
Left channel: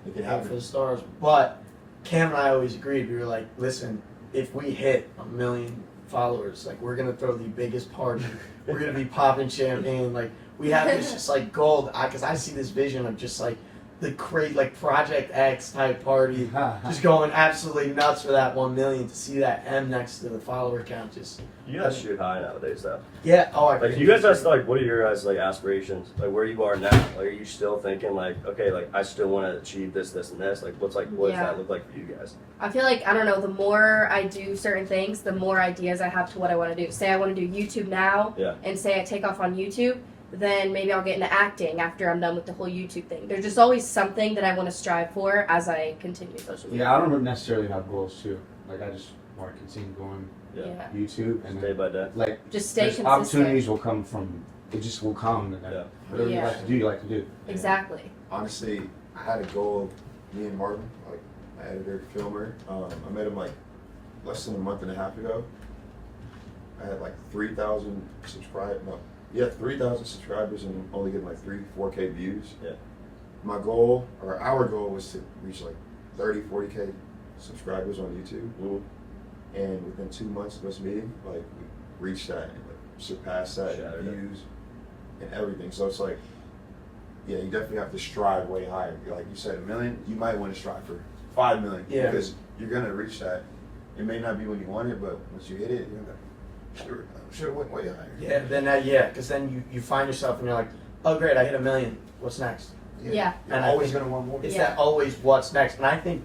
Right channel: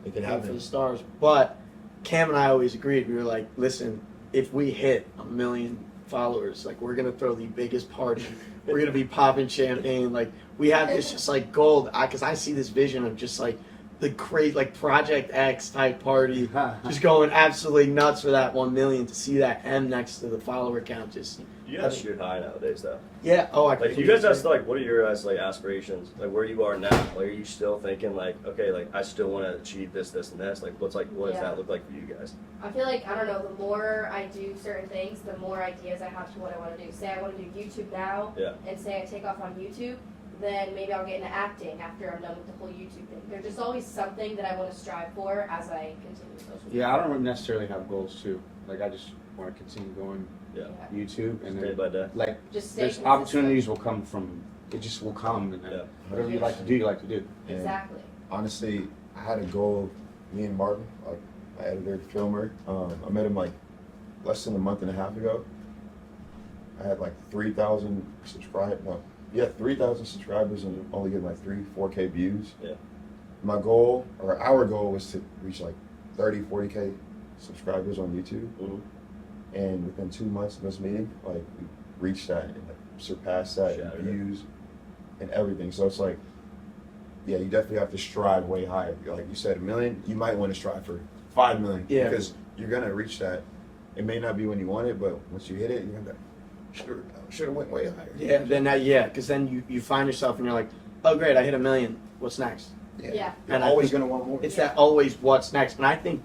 Make it aim for happen. the stars. But Cam and I always agreed, we were like, listen, if we hit 1 million followers, like we're gonna throw the biggest party. We're gonna be popping champagne. Like we have this just like goal, because I see this vision of just like the great like Project X type party, just going absolutely nuts for that 1 million. To see that M next to the follower count, just You guys shoot high nowadays, though. yeah. Oh, I Like, you guys are still like, what are your guys like aspirations? Like, where you are now? Like, are you still thinking like, okay, like I still want to achieve this, this, and this? Like, what does Yeah. that look like for you guys? I feel like, I don't know, the more I do certain things, the more ideas I have to what I want to do. Say I want to do YouTube now, Yeah. and say I take off on YouTube, then maybe I'll get into acting after I'm done with the whole YouTube thing. There's just always something that I want to strive for as I continue social media. Yeah, I don't necessarily have goals too. Like I just want to continue going Yeah. Yeah. YouTube and Day then by day. like Just stay there's consistent. opportunities will come from it just will come and then Yeah. whatever you Yeah. like to do, you like to do. Exactly. Honestly, I had a goal. Me and Martin, like my editor, filmer. I met him like less than a month and a half ago. I had like 3,000 subscribers. No, yeah, 3,000 subscribers and only getting like 4K views. Yeah. My goal, or our goal, was to reach like 40K subscribers on YouTube. Mhm. And within 2 months of us meeting, like we reached that and like, surpassed that Shattered in it. views and everything. So it's like, yeah, you definitely have to strive way higher. Like you said, 1 million, you might want to strive for 5 million. Yeah. Because you're gonna reach that. It may not be when you want it, but once you hit it, you're gonna should have went way higher. Yeah. Then because then you find yourself and you're like, oh great, I hit 1 million. What's next? Yeah. You're And I always think gonna want more. It's Yeah. that always what's next. And I think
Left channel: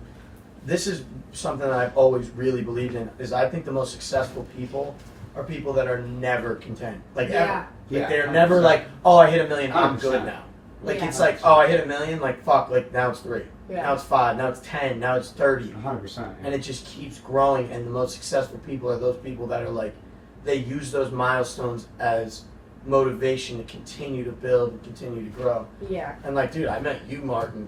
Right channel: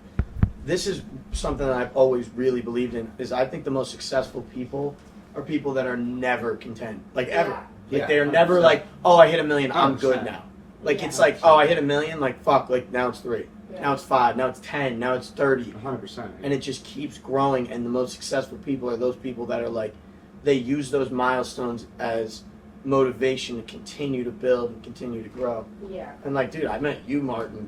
this is something that I've always really believed in, is I think the most successful people are people that are never content. Like Yeah. ever. Like Yeah, they're never 100%. like, oh I hit 1 million, I'm 100%. good now. Like Yeah. it's like, oh I hit 1 million, like fuck, like now it's 3. Yeah. Now it's 5, now it's 10, now it's 30. 100%. And it just keeps growing, and the most successful people are those people that are like, they use those milestones as motivation to continue to build and continue to grow. Yeah. And like, dude, I met you, Martin,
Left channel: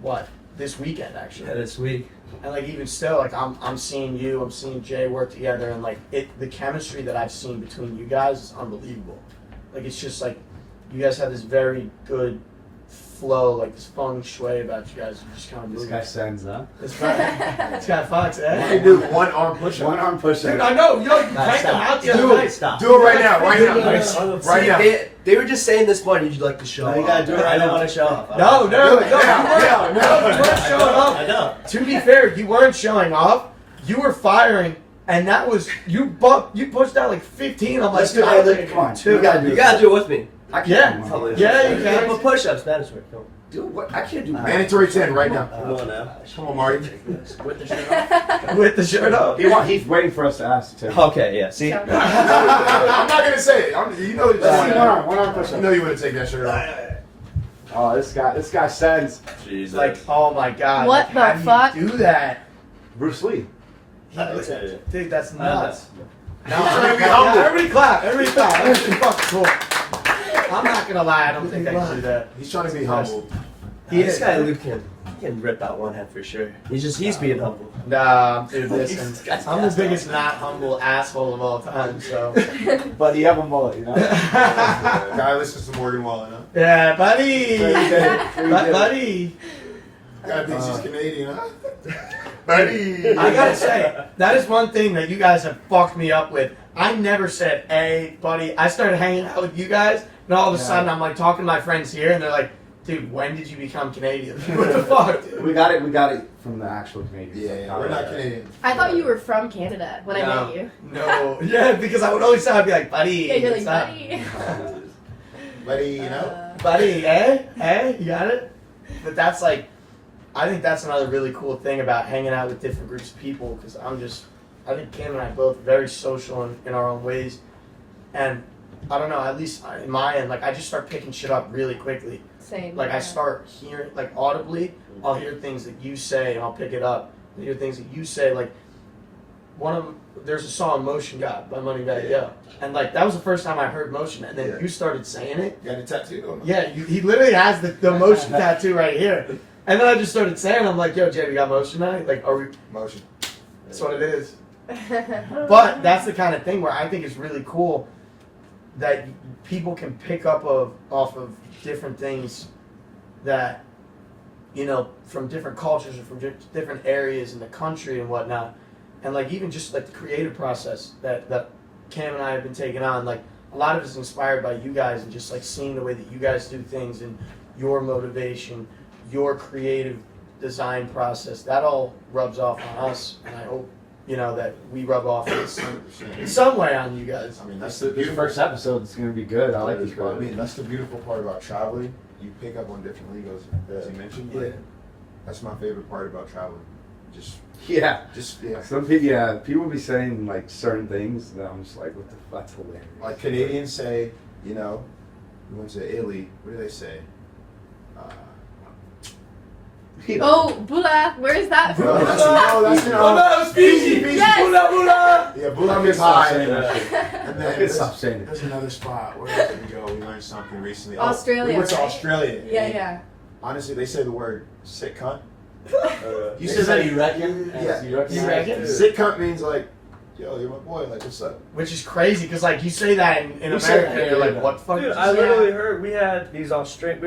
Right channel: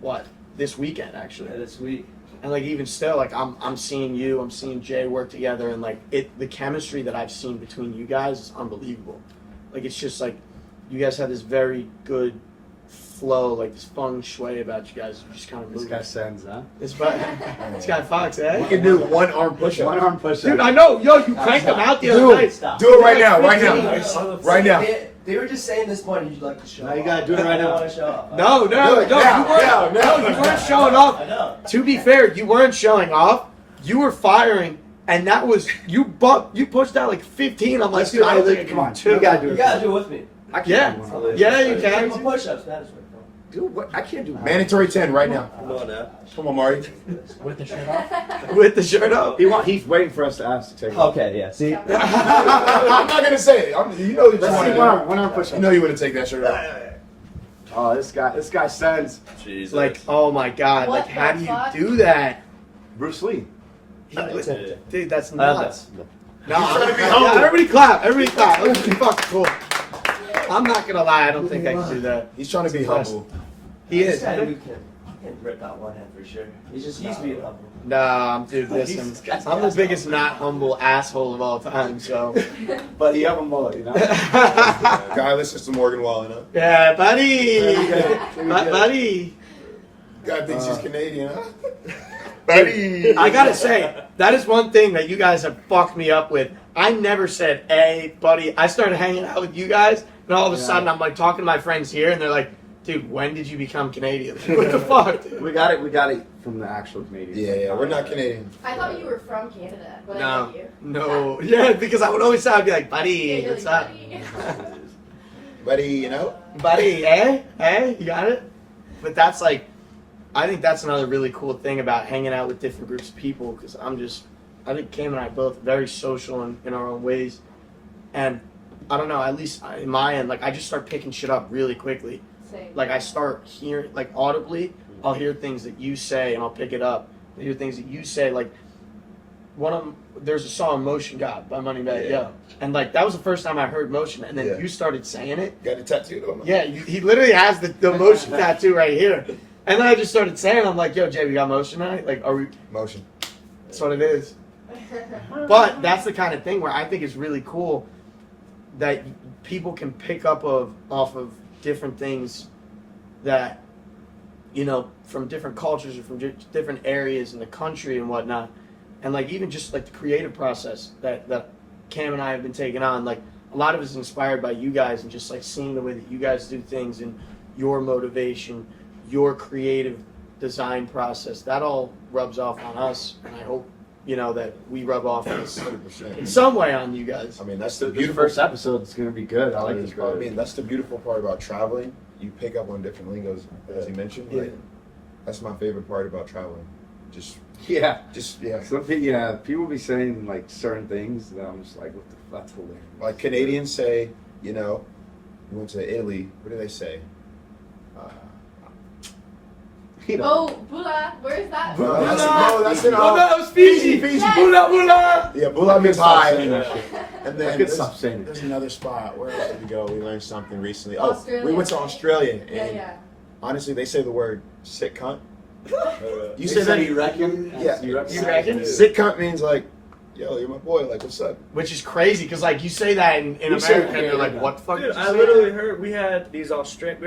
what, this weekend actually. Yeah, this week. And like even still, like I'm seeing you, I'm seeing Jay work together, and like the chemistry that I've seen between you guys is unbelievable. Like it's just like you guys have this very good flow, like this feng shui about you guys just kind of This moving. guy sends, huh? This guy Fox, You eh? can do 1 arm push-up. One arm push Dude, I know, yo, you cranked them out the other Dude. night. Stop. Do it right now, right now. Nice. Right now. They were just saying this morning you'd like to show No, off. you gotta do it right I don't now. want to show off. No, Do it now, now. you weren't showing off. I know. To be fair, you weren't showing off. You were firing, and that was you pushed out like 15. I'm like, Let's dude, do I don't it. think I Come on. can do You gotta it. do You gotta do it with me. I can't Yeah. do one. Yeah, you Come can. on, push-ups, Spanish word. Come on. Dude, what? I can't do Mandatory 10 right now. Come on now. Come on, Marty. With the shirt off. With the shirt up. He's waiting for us to ask to take it. Okay, yeah. See. I'm not gonna say it. You know, Let's see one arm push. you know you want to take that shirt off. Oh, this guy sends Jesus. Like, oh my god. What like, the how do fuck? you do that? Bruce Lee. Dude, that's I don't nuts. know. No, yeah, everybody clap. Everybody clap. That was fucking cool. I'm not gonna lie, I don't think I can do that. He's trying to be humble. He This is. guy Luke can rip out one head for sure. He's being humble. Nah, dude, listen. I'm the biggest not humble asshole of all time, so. But he have a mullet, you know? Guy listens to Morgan Wallen, huh? Yeah, buddy. Pretty good. Buddy. Guy thinks he's Canadian, huh? Buddy. I gotta say, that is one thing that you guys have fucked me up with. I never said, hey, buddy. I started hanging out with you guys, and all of a Yeah. sudden I'm like talking to my friends here, and they're like, dude, when did you become Canadian? What the fuck, dude? We got it from the actual Canadians. Yeah, we're not Canadian. I thought you were from Canada when I met you. No. Yeah, because I would always say, I'd be like, buddy, Yeah, you're what's like, up? buddy. Buddy, you know? Buddy, eh? Eh? You got it? But that's like, I think that's another really cool thing about hanging out with different groups of people, because I think Cam and I both very social in our own ways, and I don't know, at least in my end, like I just start picking shit up really quickly. Same. Like I start hearing, like audibly, I'll hear things that you say and I'll pick it up. I hear things that you say, like there's a song "Motion God" by Moneybag Yo, and like that was the first time I heard Motion, and then Yeah. you started saying it. Got a tattoo on him. Yeah, he literally has the Motion tattoo right here, and then I just started saying, I'm like, "Yo, Jay, we got Motion tonight? Like, are we?" Motion. That's what it is. But that's the kind of thing where I think it's really cool that people can pick up off of different things that, you know, from different cultures or from different areas in the country and whatnot. And like even just like the creative process that Cam and I have been taking on, like a lot of it is inspired by you guys and just like seeing the way that you guys do things and your motivation, your creative design process. That all rubs off on us, and I hope, you know, that we rub off in some way on you guys. I mean, that's the The beautiful first episode is gonna be good. I like this I part. mean, that's the beautiful part about traveling. You pick up on different lingos, as you mentioned. Like, Yeah. that's my favorite part about traveling. Just Yeah. yeah. Some people, people be saying like certain things, and I'm just like, what the fuck? That's hilarious. Like Canadians say, you know, you went to Italy. What do they say? You know, Oh, Bula, where is that? No, that's you know. no, Fiji, Fiji, Yes. bula bula. Yeah, Bula means stop high. saying that shit. And I then could stop saying it. there's another spot. Where else did we go? We learned something recently. Australia, We went to right? Australia. Yeah, and yeah. Honestly, they say the word "sick cunt." You said that you reckon? Yeah. You reckon? Sick cunt means like, yo, you're my boy. Like, what's up? Which is crazy because like you say that in You say America, that, and they're like, yeah. "What the fuck?" Dude, did you I say?" literally heard we had these we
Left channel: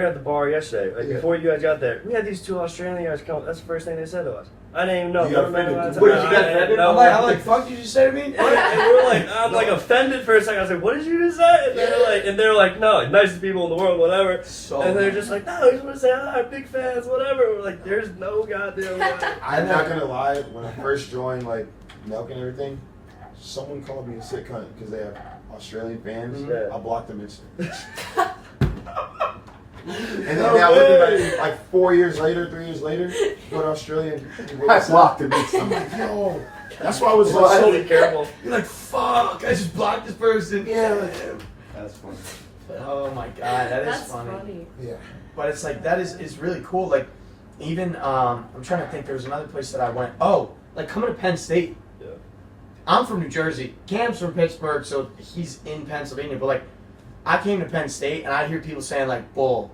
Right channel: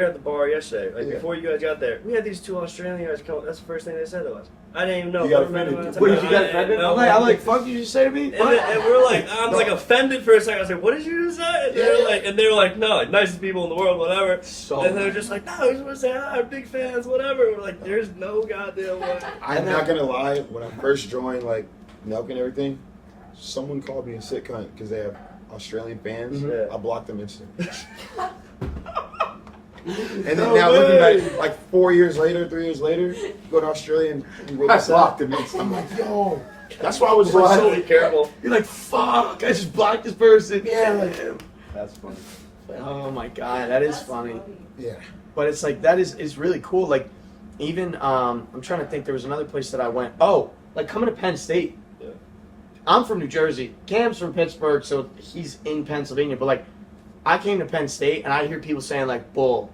were at the bar yesterday. Like Yeah. before you guys got there, we had these two Australian guys come. That's the first thing they said to us. I didn't even know. You got We were offended? running out of What time. did you get I didn't offended? know. I'm like, "Fuck, did you say to me?" And we're like, I'm like offended for a second. I was like, what did you just say? And they're like, no, like, nicest people in the world, whatever. So And they're just like, no, we just want to say hi, big fans, whatever. We're like, there's no goddamn way. I'm not gonna lie. When I first joined, like Nelk and everything, someone called me a sick cunt because they have Australian fans. Mhm. I blocked them instantly. And then No now looking way. back, like 4 years later, 3 years later, go to Australia and we I blocked him I'm instantly. like, yo, that's why I was like, So so, be careful. You're like, "Fuck, I just blocked this person." yeah, like, That's funny. Oh my god, that is That's funny. yeah. But it's like that is really cool. Like even I'm trying to think. There was another place that I went. Oh, like coming to Penn State. Yeah. I'm from New Jersey. Cam's from Pittsburgh, so he's in Pennsylvania. But like, I came to Penn State and I hear people saying like "bull,"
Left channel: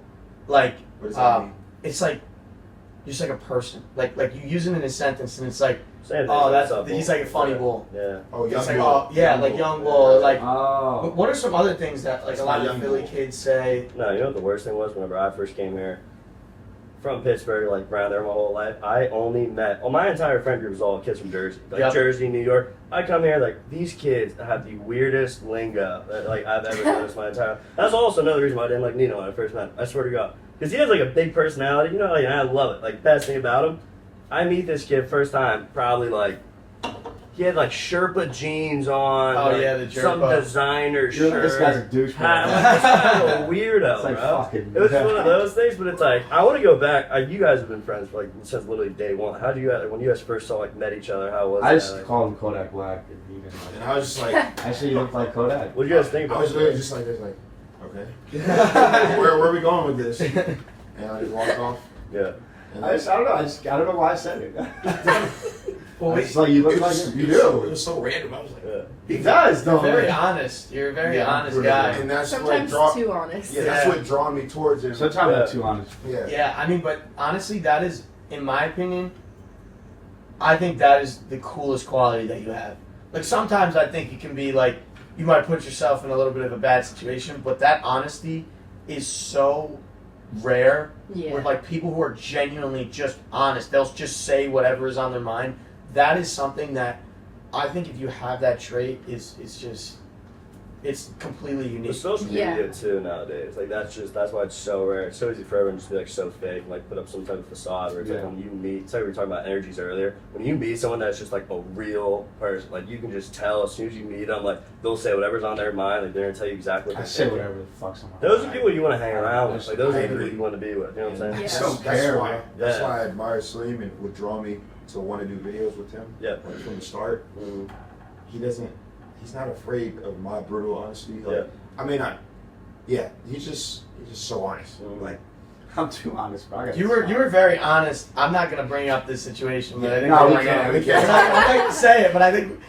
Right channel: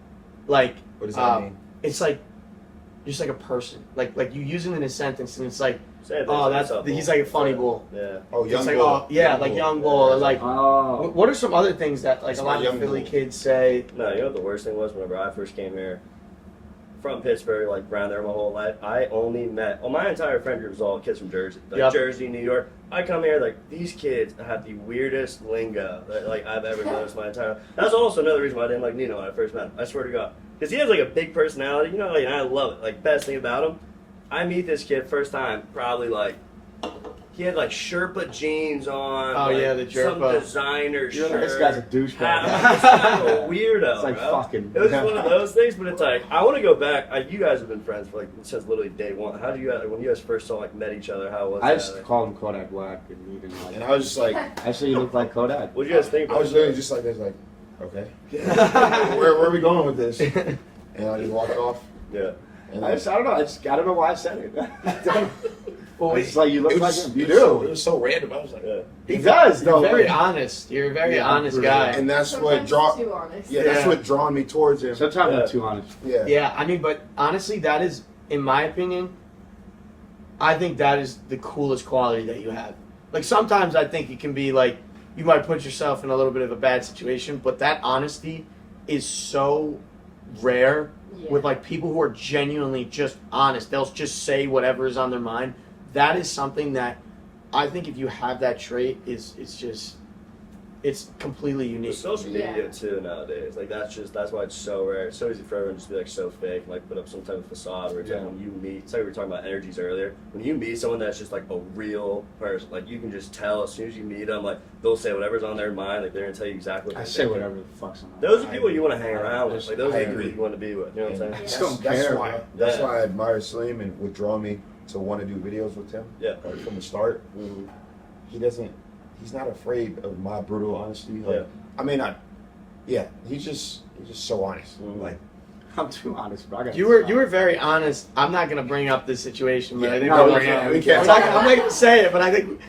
like What does that mean? it's like just like a person. Like you use it in a sentence and it's like, Same thing, oh, that's what's up, he's bull? like a funny bull. Yeah. Oh, It's young like, bull. oh yeah, like young bull. Or like Oh. what are some other things that like That's a lot my of young the Philly bull. kids say? No, you know what the worst thing was? Whenever I first came here from Pittsburgh, like around there my whole life, I only met, well, my entire friend group was all kids from Jersey. Like Yep. Jersey, New York. I come here, like, these kids have the weirdest lingo that, like, I've ever noticed my entire life. That's also another reason why I didn't like Nino when I first met him. I swear to God. Because he has, like, a big personality, you know, like, and I love it. Like, best thing about him, I meet this kid first time, probably, like, he had, like, Sherpa jeans on. Oh, like, yeah, the some Sherpa. designer You're like, shirt. this guy's a douchebag. I'm like, this guy's a weirdo, It's like bro. fucking. It was just one of those things, but it's like I want to go back. You guys have been friends for like since literally day one. How do you guys, when you guys first saw like met each other? How was I that? just Like, called him Kodak Black, and he didn't like And it. I was just like, Actually, you look like Kodak. what do you guys think? I was literally just like, this, like, okay, where are we going with this? And I just walked off. Yeah. And I don't know. I don't know why I said it. Well, It's like you look it like was, him. You it was so- do. It was so random. I was like, Yeah. he does. You're No, very man. honest. You're a very Yeah, honest really. guy. and that's what Sometimes draw. too honest. Yeah, Yeah. that's what drawn me towards him. Sometimes Yeah. I'm too honest. Yeah. Yeah, I mean, but honestly, that is, in my opinion, I think that is the coolest quality that you have. Like sometimes I think it can be like you might put yourself in a little bit of a bad situation, but that honesty is so rare. Yeah. With like people who are genuinely just honest, they'll just say whatever is on their mind. That is something that I think if you have that trait, is just it's completely With unique. social Yeah. media too nowadays, like that's why it's so rare. It's so easy for everyone to just be like so fake, like put up some type of facade. Where it's like Yeah. when you meet, it's like we were talking about energies earlier. When you meet someone that's just like a real person, like you can just tell as soon as you meet them, like they'll say whatever's on their mind, like they're gonna tell you exactly what I they're say thinking. whatever the fuck's on my Those are mind. people you want to hang around with. Like those I are the agree. people you want to be with. You know what I'm saying? Yeah. I don't That's care, why. bro. That's Yeah. why I admire Salim and would draw me to want to do videos with him. Yeah. Like from the start, he's not afraid of my brutal honesty. Like, Yeah. I mean, he's just so honest. Mhm. Like, I'm too honest, bro. I got You were very honest. I'm not gonna bring up this situation, but I think No, we're- we can't. we can't. I'm not gonna say it, but I think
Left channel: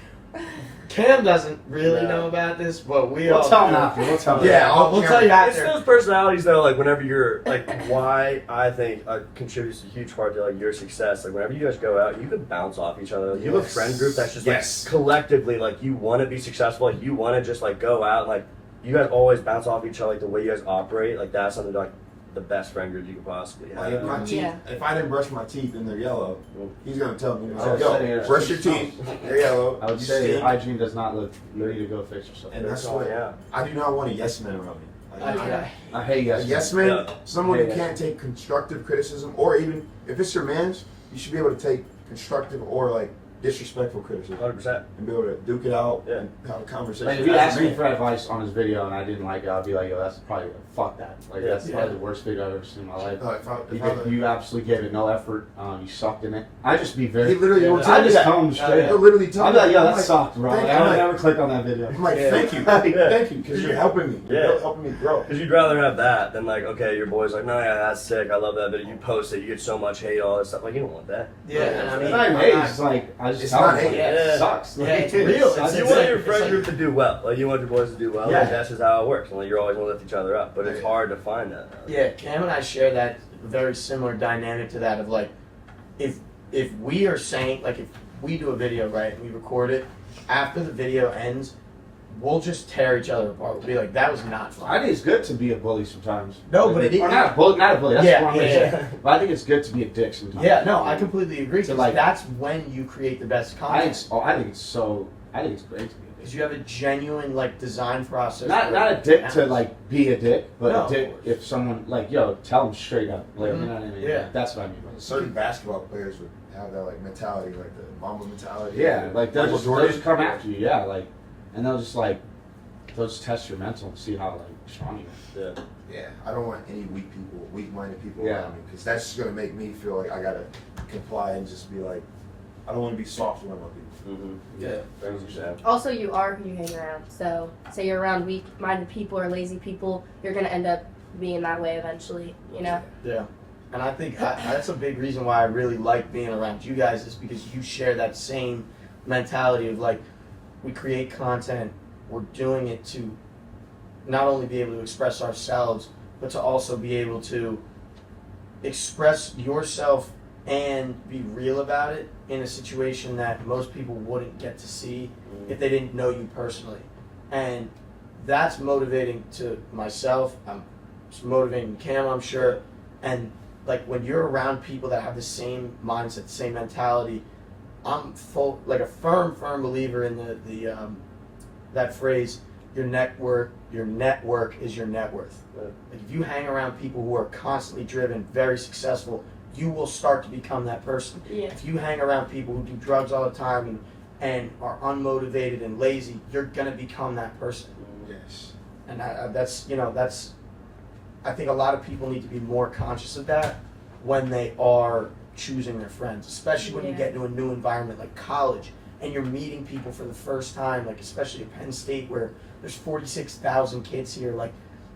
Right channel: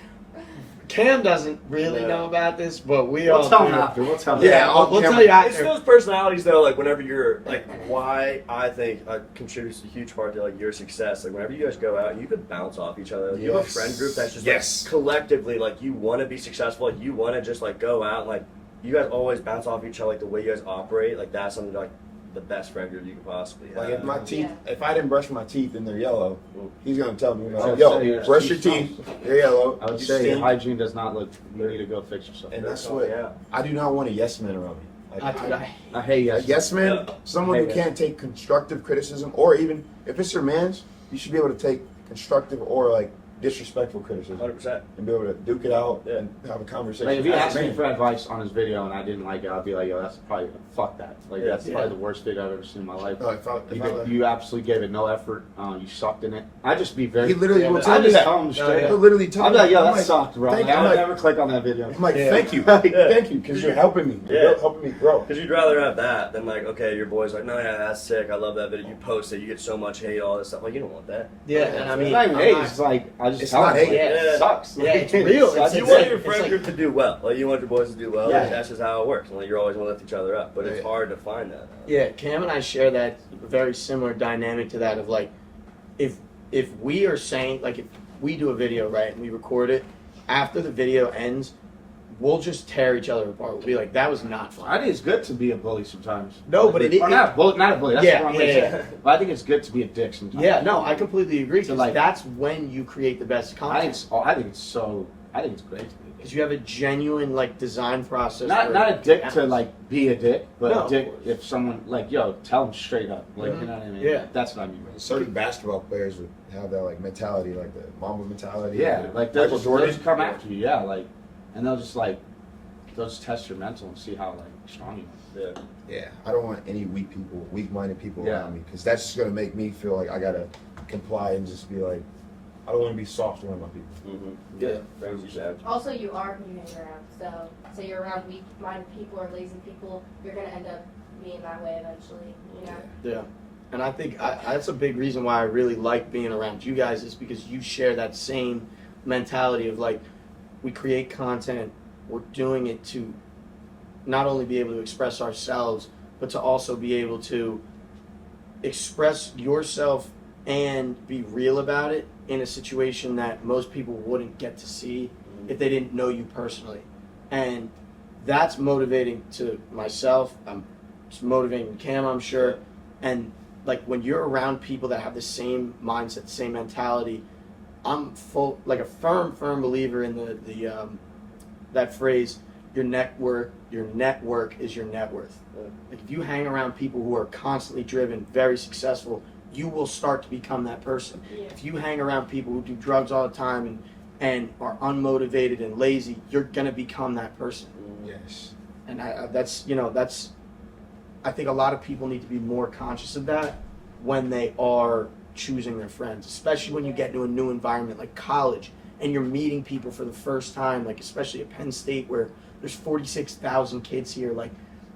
Cam doesn't really No. know about this, but we We'll all tell do. him after. We'll tell him. Yeah, we'll tell you It's after. those personalities though, like whenever you're like why I think contributes a huge part to like your success. Like whenever you guys go out, you can bounce off each other. Like, you have a Yes. friend group that's just Yes. like collectively like you want to be successful, like you want to just like go out, like you guys always bounce off each other, like the way you guys operate, like that's something like the best friend group you can possibly have. Like if my teeth, Yeah. if I didn't brush my teeth and they're yellow, he's gonna tell me, I would like, yo, say your brush your teeth teeth, they're yellow. I would you say your stink. hygiene does not look. You need to go fix yourself. And that's Oh, what yeah. I do not want a yes man around me. Like, I hate a yes. yes man, Yeah. someone who Yes. can't take constructive criticism, or even if it's your man's, you should be able to take constructive or like disrespectful criticism 100%. and be able to duke it out Yeah. and have a conversation. Like if you with asked your me man. for advice on his video and I didn't like it, I'd be like, yo, that's probably fuck that. Like that's Yeah. probably the worst video I've ever seen in my life. If You absolutely gave it no effort. You sucked in it. I just be very. he literally won't I tell me just that. tell him straight He'll up. literally tell I'll me be like, yo, I'm that sucked, bro. thank Like, you. I would I'm never click on that video. like, Yeah. thank you, because you're helping me. Yeah. You're helping me grow. Because you'd rather have that than like, okay, your boy's like, no, yeah, that's sick. I love that video. You post it, you get so much hate, all this stuff. Like, you don't want that. Yeah, and I mean, It's not even I'm hate. not- It's like I just It's tell not him. hate. Like, Yeah. it sucks. Yeah, Like, it's it real. sucks. You It's want like- your friend like- group to do well. Like, you want your boys to do well. Yeah. Like, that's just how it works. And like, you're always going to lift each other up. But it's Yeah. hard to find that. Yeah, Cam and I share that very similar dynamic to that of like, if we are saying like if we do a video right and we record it, after the video ends, we'll just tear each other apart. We'll be like, that was not I fun. think it's good to be a bully sometimes. No, but it- or not a bully. Not a bully. That's Yeah, the wrong way to yeah, say it. But I think it's good to be a dick sometimes. Yeah, no, I completely agree. So, 'Cause like- that's when you create the best I think, content I think it's so. I think it's great to be. because you have a genuine like design process. Not where- a dick to like be a dick, but No. a dick if someone like yo tell them straight up. Like Mhm. you know what I mean? Yeah. That's what I mean by it. Certain basketball players would have that like mentality, like the mama mentality. Yeah, like they'll just Jordan. come after you. Yeah, like, and they'll just test your mental and see how like strong you are. Yeah. Yeah, I don't want any weak-minded people Yeah. around me, because that's just gonna make me feel like I gotta comply and just be like, I don't want to be soft around my people. Mm-hmm. Yeah. That's what you said. Also, you are who you hang around. So, say you're around weak-minded people or lazy people, you're gonna end up being that way eventually. You know. Yeah, and I think that's a big reason why I really like being around you guys is because you share that same mentality of like, we create content, we're doing it to not only be able to express ourselves, but to also be able to express yourself and be real about it in a situation that most people wouldn't get to see if they didn't know you personally. And that's motivating to myself. It's motivating Cam, I'm sure. And like when you're around people that have the same mindset, the same mentality, I'm like a firm believer in the that phrase, your network is your net worth. Yeah. Like if you hang around people who are constantly driven, very successful, you will start to become that person. Yeah. If you hang around people who do drugs all the time and are unmotivated and lazy, you're gonna become that person. Yes. And that's I think a lot of people need to be more conscious of that when they are choosing their friends, especially when you get into a new environment like college and you're meeting people for the first time, like especially at Penn State where there's 46,000 kids here. Like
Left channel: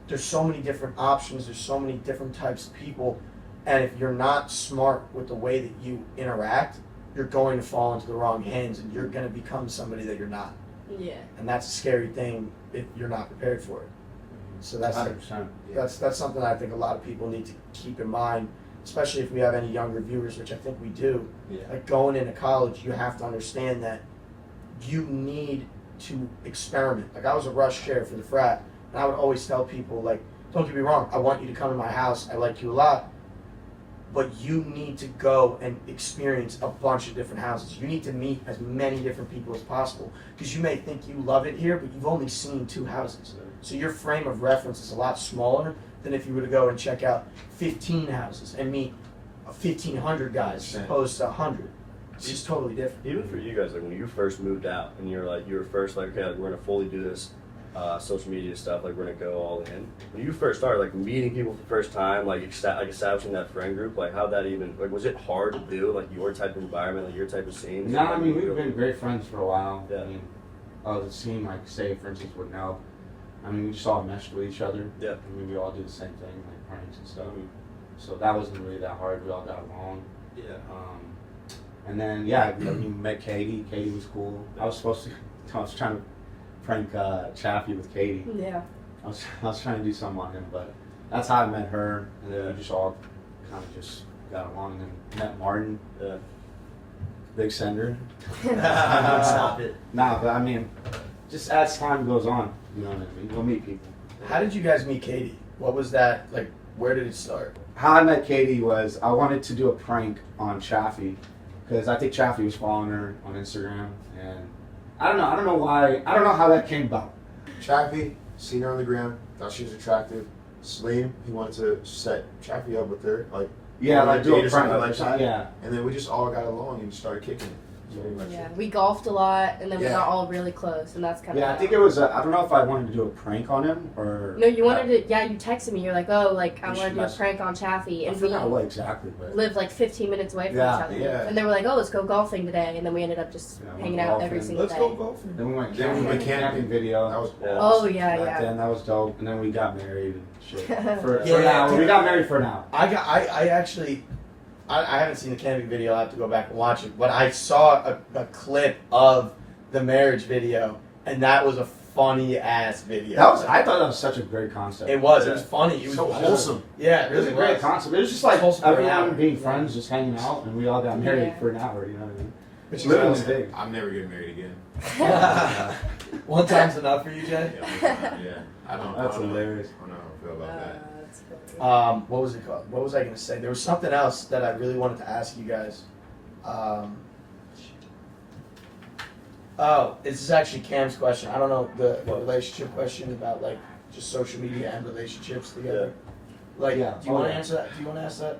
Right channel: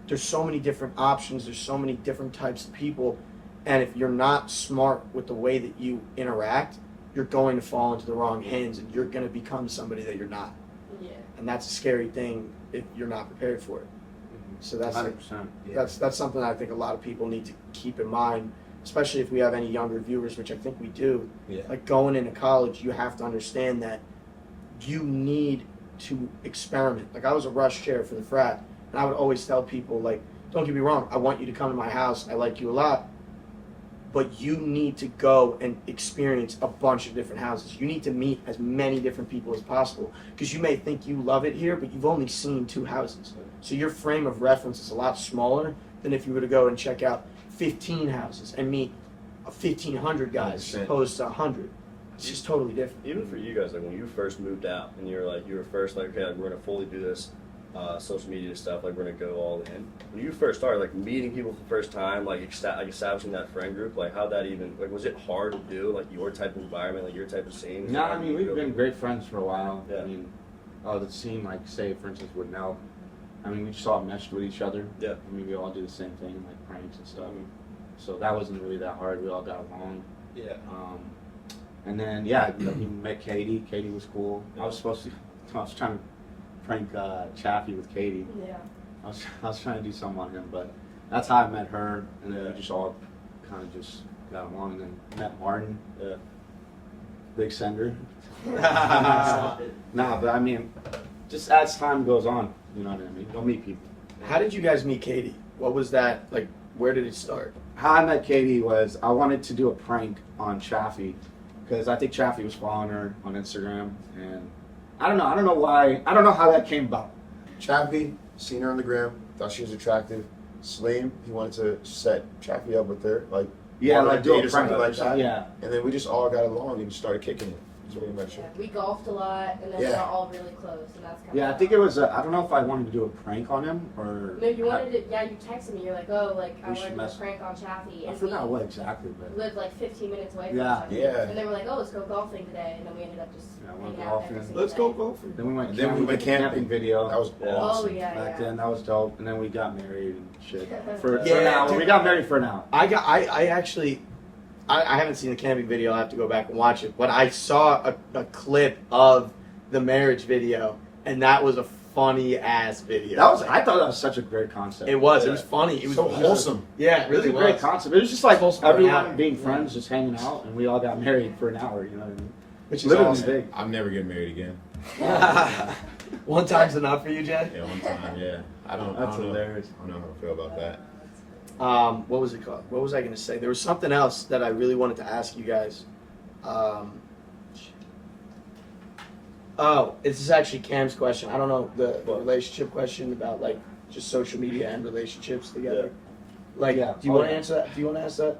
there's so many different options, there's so many different types of people, and if you're not smart with the way that you interact, you're going to fall into the wrong hands and you're going to become somebody that you're not. Yeah. And that's a scary thing if you're not prepared for it. So that's 100%. that's something I think a lot of people need to keep in mind, especially if we have any younger viewers, which I think we do. Yeah. Like going into college, you have to understand that you need to experiment. Like I was a rush chair for the frat, and I would always tell people, like, don't get me wrong, I want you to come to my house, I like you a lot, but you need to go and experience a bunch of different houses. You need to meet as many different people as possible because you may think you love it here, but you've only seen 2 houses. So your frame of reference is a lot smaller than if you were to go and check out 15 houses and meet 1,500 guys as opposed to 100. It's just totally different. Even for you guys, like when you first moved out and you were first like, okay, we're gonna fully do this social media stuff, like we're gonna go all in. When you first started, like meeting people for the first time, like establishing that friend group, like how that even, like was it hard to do, like your type of environment, like your type of scene? No, I mean we've been great friends for a while. Yeah. I mean, the scene, like say for instance with Nell, I mean we just all meshed with each other. Yeah. I mean we all do the same thing, like pranks and stuff. So that wasn't really that hard. We all got along. Yeah. And then yeah, you know, you met Katie. Katie was cool. I was trying to prank Chaffee with Katie. Yeah. I was trying to do something on him, but that's how I met her. And then Yeah. we just all kind of just got along. And then met Martin, Yeah. big sender. Stop it. Nah, but I mean, just as time goes on, you know what I mean. You'll meet people. How did you guys meet Katie? What was that like? Where did it start? How I met Katie was I wanted to do a prank on Chaffee because I think Chaffee was following her on Instagram, and I don't know why. I don't know how that came about. Chaffee, seen her on the gram, thought she was attractive. Salim, he wanted to set Chaffee up with her, like, Yeah, on a like do date a or prank something like that. Yeah. And then we just all got along and started kicking it. That's what we got Yeah, we golfed a lot, and then we Yeah. got all really close, and that's kind of. Yeah, I think it was. I don't know if I wanted to do a prank on him or. No, you wanted to. Yeah, you texted me. You're like, oh, like I We want should to do a mess- prank on Chaffee, I and we forgot what exactly, but. lived like 15 minutes away from Yeah. each other. Yeah. And they were like, oh, let's go golfing today, and then we ended up just Yeah, we hanging went out every golfing. single Let's day. go golfing. Then we went Then we went camping camping. video. That was Yeah. awesome. Oh yeah, Back yeah. then that was dope, and then we got married and shit. For Yeah, now, dude. we got married for now. I actually, I haven't seen the camping video. I will have to go back and watch it. But I saw a clip of the marriage video, and that was a funny ass video. I thought that was such a great concept. It was. It was funny. It was So wholesome. Yeah, it It was really a great was. concept. It was just like Supposed to be an hour. everyone being friends, just hanging out, and we all got married Yeah. for an hour. You know what I mean? Which is Literally awesome. big. I'm never getting married again. One time's enough for you, Jay. Yeah, one time, yeah. I don't That's know. hilarious. I don't know how I feel about that. That's funny. What was it called? What was I going to say? There was something else that I really wanted to ask you guys. This is actually Cam's question. I don't know the relationship question about like just social media and relationships together. Like, Yeah. do you want to answer that? Do you want to ask that?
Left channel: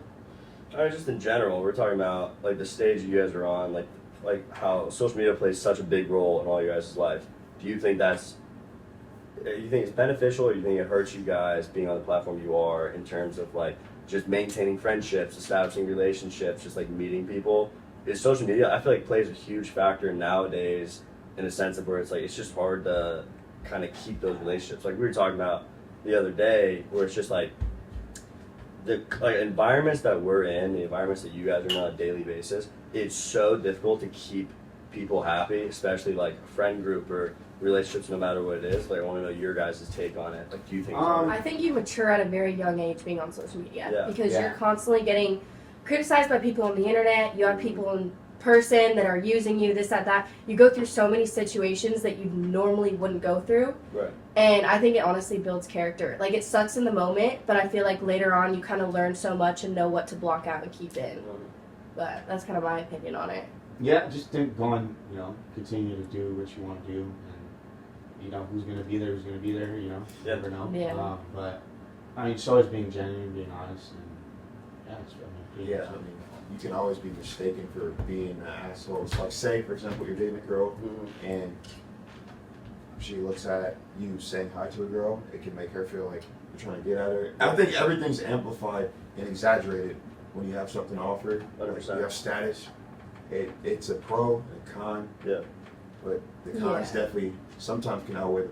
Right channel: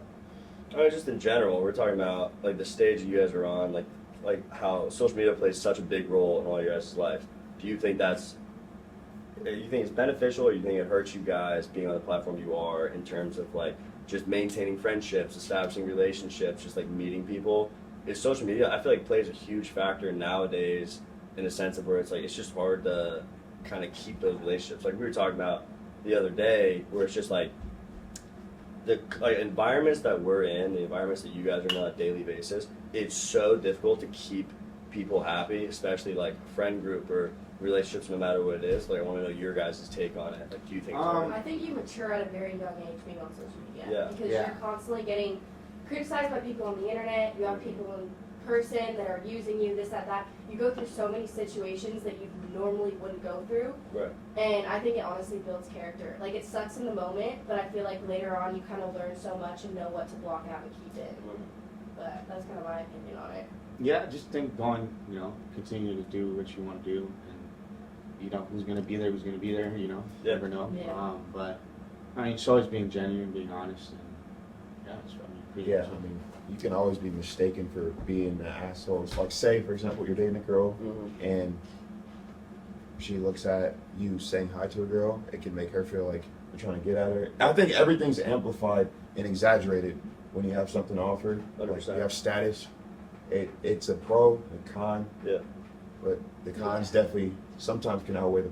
I mean, just in general, we're talking about like the stage you guys are on, like how social media plays such a big role in all your guys' life. Do you think you think it's beneficial, or you think it hurts you guys being on the platform you are in terms of like just maintaining friendships, establishing relationships, just like meeting people? Is social media, I feel like, plays a huge factor nowadays in a sense of where it's like it's just hard to kind of keep those relationships. Like we were talking about the other day, where it's just like the like environments that we're in, the environments that you guys are in on a daily basis, it's so difficult to keep people happy, especially like a friend group or relationships, no matter what it is. Like I want to know your guys' take on it. Like, do you think? I think you mature at a very young age being on social media Yeah. because Yeah. you're constantly getting criticized by people on the internet. You have people in person that are using you, this, that. You go through so many situations that you normally wouldn't go through. Right. And I think it honestly builds character. Like, it sucks in the moment, but I feel like later on you kind of learn so much and know what to block out and keep in. But that's kind of my opinion on it. Yeah, just think going, continue to do what you want to do, and who's gonna be there, you know. You Yeah. never know. Yeah. But I mean, it's always being genuine, being honest, and yeah, it's pretty Yeah, I mean, you can always be mistaken for being an asshole. So, like, say, for example, you're dating a girl, Mm-hmm. and she looks at you saying hi to a girl, it can make her feel like you're trying to get at her. I think everything's amplified and exaggerated when you have something to offer. Like, 100%. you have status. It's a pro and con. Yeah. But the cons definitely sometimes can outweigh the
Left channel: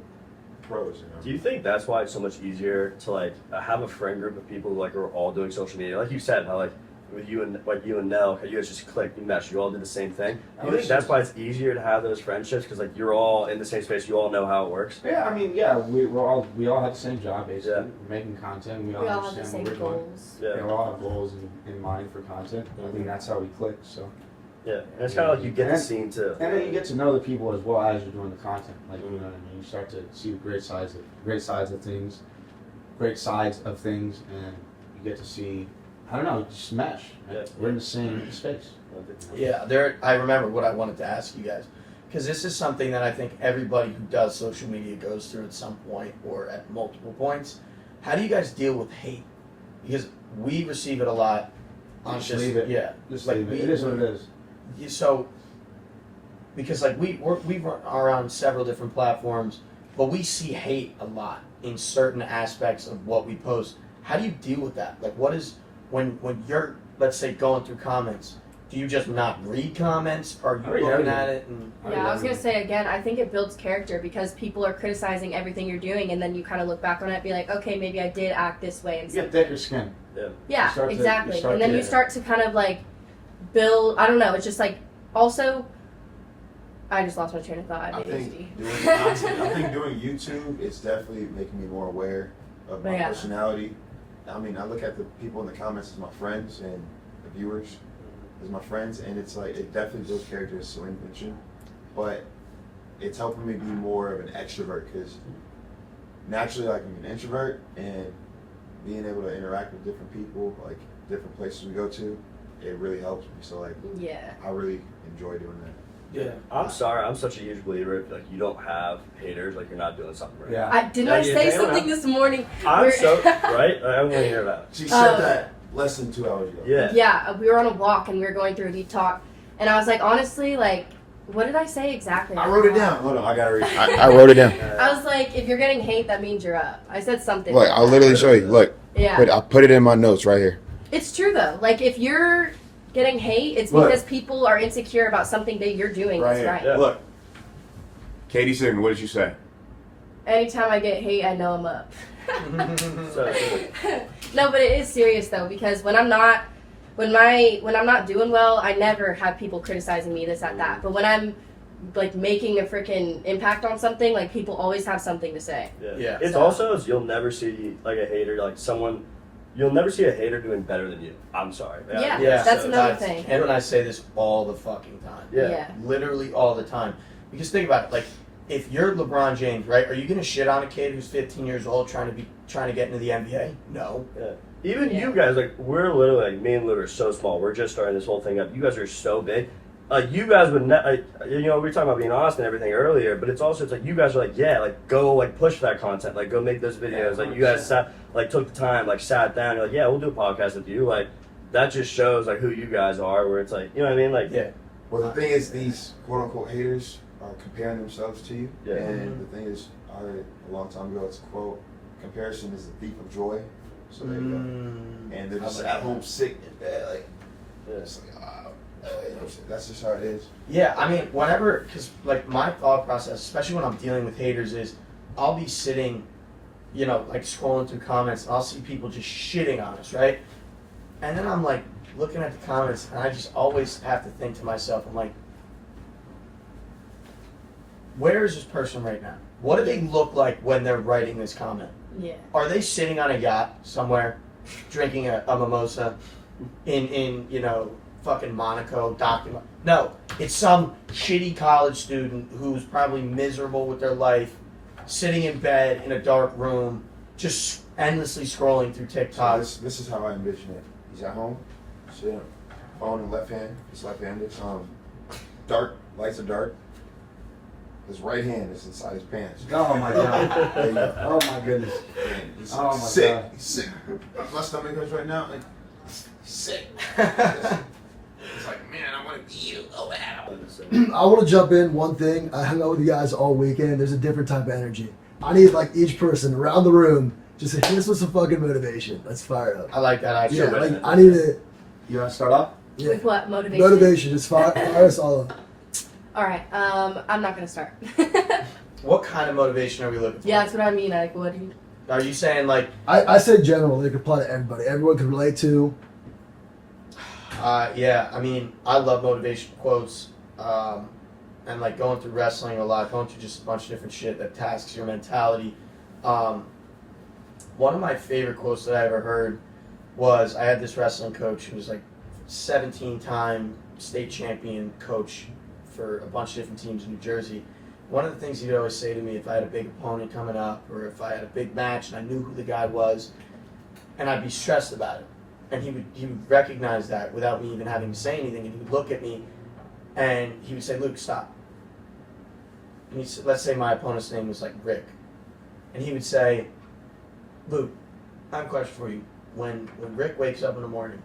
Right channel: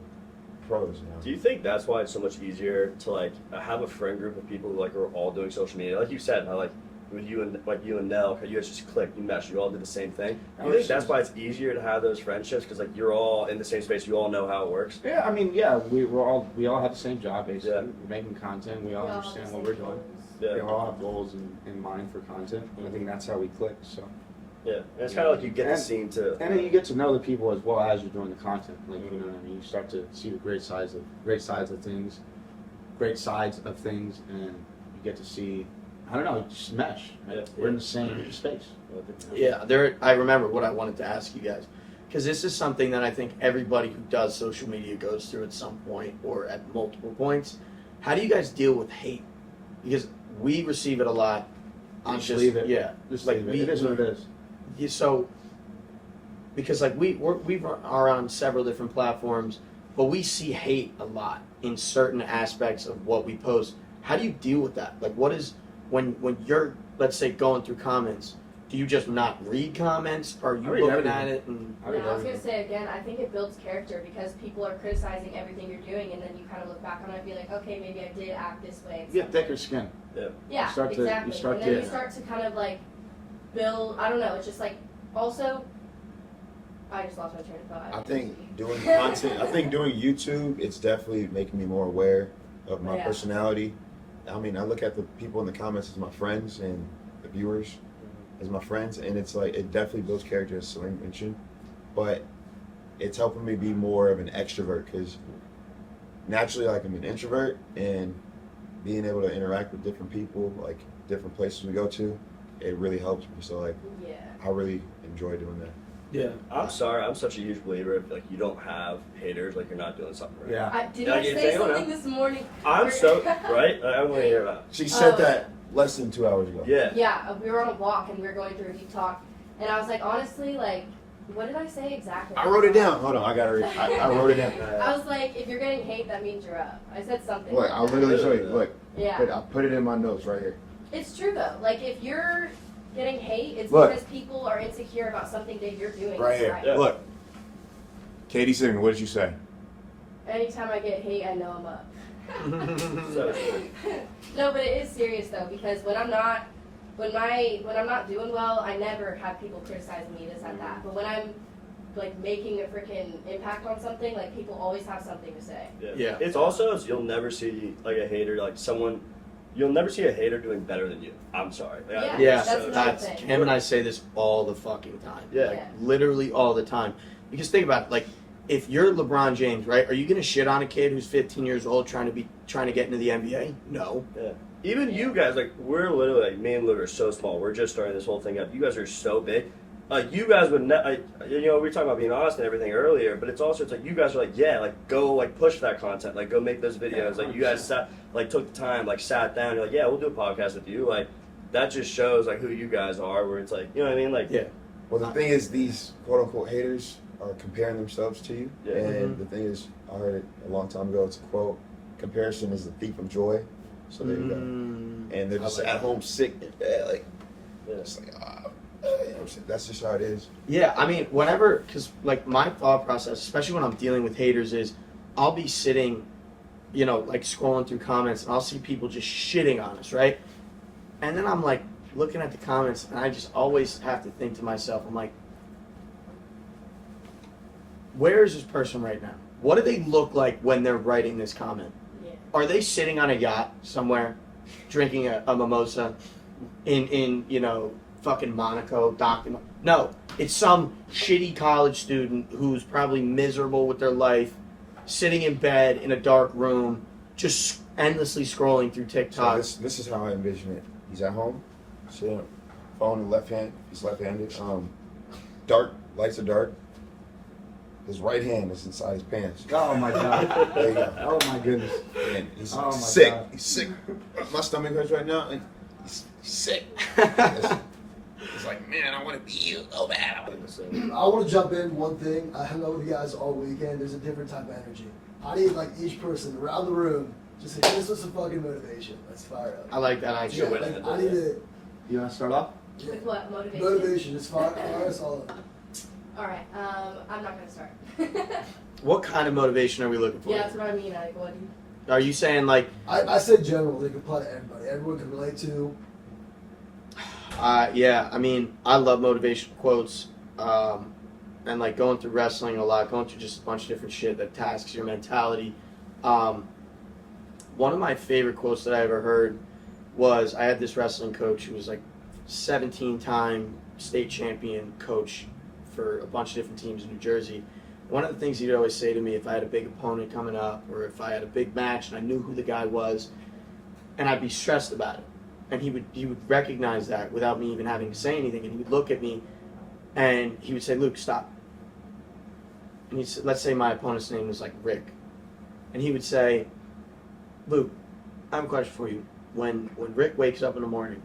pros. Do you think that's why it's so much easier to like have a friend group of people who like are all doing social media? Like you said, how like with you and Nell, how you guys just clicked, you meshed, you all did the same thing. Do you think that's why it's easier to have those friendships because like you're all in the same space, you all know how it works? Yeah, I mean, yeah, we all have the same job basically. Yeah. We're making content. We all We all have the understand same what we're doing. goals. Yeah. Yeah, we all have goals in mind for content. And I think that's how we click. So, Yeah, and it's kind of like you get the scene too. and then you get to know the people as well as you're doing the content. Like, you know what I mean? You start to see the great sides of things, and you get to see I don't know, just mesh. Yeah. We're in the same space. Yeah, there. I remember what I wanted to ask you guys, because this is something that I think everybody who does social media goes through at some point or at multiple points. How do you guys deal with hate? Because we receive it a lot. Just leave it. Yeah. Just Like, leave it. we- It is what it is. Yeah, so, because like we are on several different platforms, but we see hate a lot in certain aspects of what we post. How do you deal with that? Like, what is when you're, let's say, going through comments? Do you just not read comments? Are you I read looking everything. at it? And Yeah, I was gonna say again, I think it builds character because people are criticizing everything you're doing, and then you kind of look back on it and be like, okay, maybe I did act this way. And You get thicker skin. yeah, You start to- exactly. you start And then to- you start to kind of like build. I don't know. It's just like also. I just lost my train of thought. I think ADHD. doing content, I think doing YouTube, it's definitely making me more aware of my Yeah. personality. I mean, I look at the people in the comments as my friends and the viewers as my friends, and it's like it definitely builds character, as Salim mentioned, but it's helping me be more of an extrovert because naturally, like I'm an introvert, and being able to interact with different people, like different places we go to, it really helps me. So like, Yeah. I really enjoy doing that. yeah, I'm sorry, I'm such a huge believer if like you don't have haters, like you're not doing something right. Yeah. Didn't No, I you say hang on something now. this morning? I'm We're- so right. I'm gonna hear that. She said Oh. that less than 2 hours ago. Yeah. Yeah, we were on a walk and we were going through a deep talk, and I was like, honestly, like, what did I say exactly? I wrote it down. Hold on, I gotta read. I wrote it down. I was like, if you're getting hate, that means you're up. I said something. Look, I'll literally show you. Look, Yeah. I put it in my notes right here. It's true though. Like if you're getting hate, it's Look. because people are insecure about something that you're doing Right that's here. right. Yeah. Look. Katie Sigmond, what did you say? Anytime I get hate, I know I'm up. So, No, but it is serious though because when I'm not when I'm not doing well, I never have people criticizing me this that. But when I'm like making a freaking impact on something, like people always have something to say. Yeah. It's So- also is you'll never see like a hater, like someone. You'll never see a hater doing better than you. I'm sorry. Yeah. yeah. That's another thing. Cam and I say this all the fucking time. Yeah. Literally all the time. Because think about it, like if you're LeBron James, right? Are you gonna shit on a kid who's 15 years old trying to get into the NBA? No. Even Yeah. you guys, like we're literally like me and Lou are so small. We're just starting this whole thing up. You guys are so big. You guys would, you know, we were talking about being honest and everything earlier, but it's also it's like you guys are like, yeah, like go like push that content, like go make those videos. Like you guys sat, like took the time, like sat down. You're like, yeah, we'll do a podcast with you. Like that just shows like who you guys are. Where it's like, you know what I mean? Like Yeah. Well, the thing is, these quote unquote haters are comparing themselves to you. Yeah. And the thing is, I heard a long time ago, it's a quote: comparison is the thief of joy. So there you go. Mm. And they're just I like at home sick in bed, like, Yeah. it's like, you know what I'm saying? That's just how it is. Yeah, I mean, whenever, because like my thought process, especially when I'm dealing with haters, is I'll be sitting, you know, like scrolling through comments, and I'll see people just shitting on us, right? And then I'm like looking at the comments, and I just always have to think to myself, I'm like, where is this person right now? What do they look like when they're writing this comment? Yeah. Are they sitting on a yacht somewhere, drinking a mimosa, in you know, fucking Monaco, docking? No, it's some shitty college student who's probably miserable with their life, sitting in bed in a dark room, just endlessly scrolling through So TikTok. this is how I envision it. He's at home, sitting, phone in left hand. He's left-handed. Dark, lights are dark. His right hand is inside his pants. Oh my god. There you go. Oh my goodness. And this Oh my sick. God. He's sick. My stomach hurts right now. And he's sick. It's like, man, I want to be you. Oh, man. I want to jump in one thing. I hung out with you guys all weekend. There's a different type of energy. I need like each person around the room just to hit us with some fucking motivation. Let's fire up. I like that actually. Yeah, like I need to. You want to start off? Yeah, With what motivation? motivation. Just fire us all up. All right. I'm not gonna start. What kind of motivation are we looking for? Yeah, that's what I mean. Like, what? Are you saying like, I said general. They could apply to everybody. Everyone can relate to. yeah, I mean, I love motivation quotes, and like going through wrestling a lot, going through just a bunch of different shit that tasks your mentality. One of my favorite quotes that I ever heard was I had this wrestling coach who was like 17-time state champion coach for a bunch of different teams in New Jersey. One of the things he'd always say to me if I had a big opponent coming up or if I had a big match and I knew who the guy was and I'd be stressed about it. and he would recognize that without me even having to say anything, and he would look at me, and he would say, "Luke, stop." And let's say my opponent's name was like Rick, and he would say, "Luke, I have a question for you. When Rick wakes up in the morning,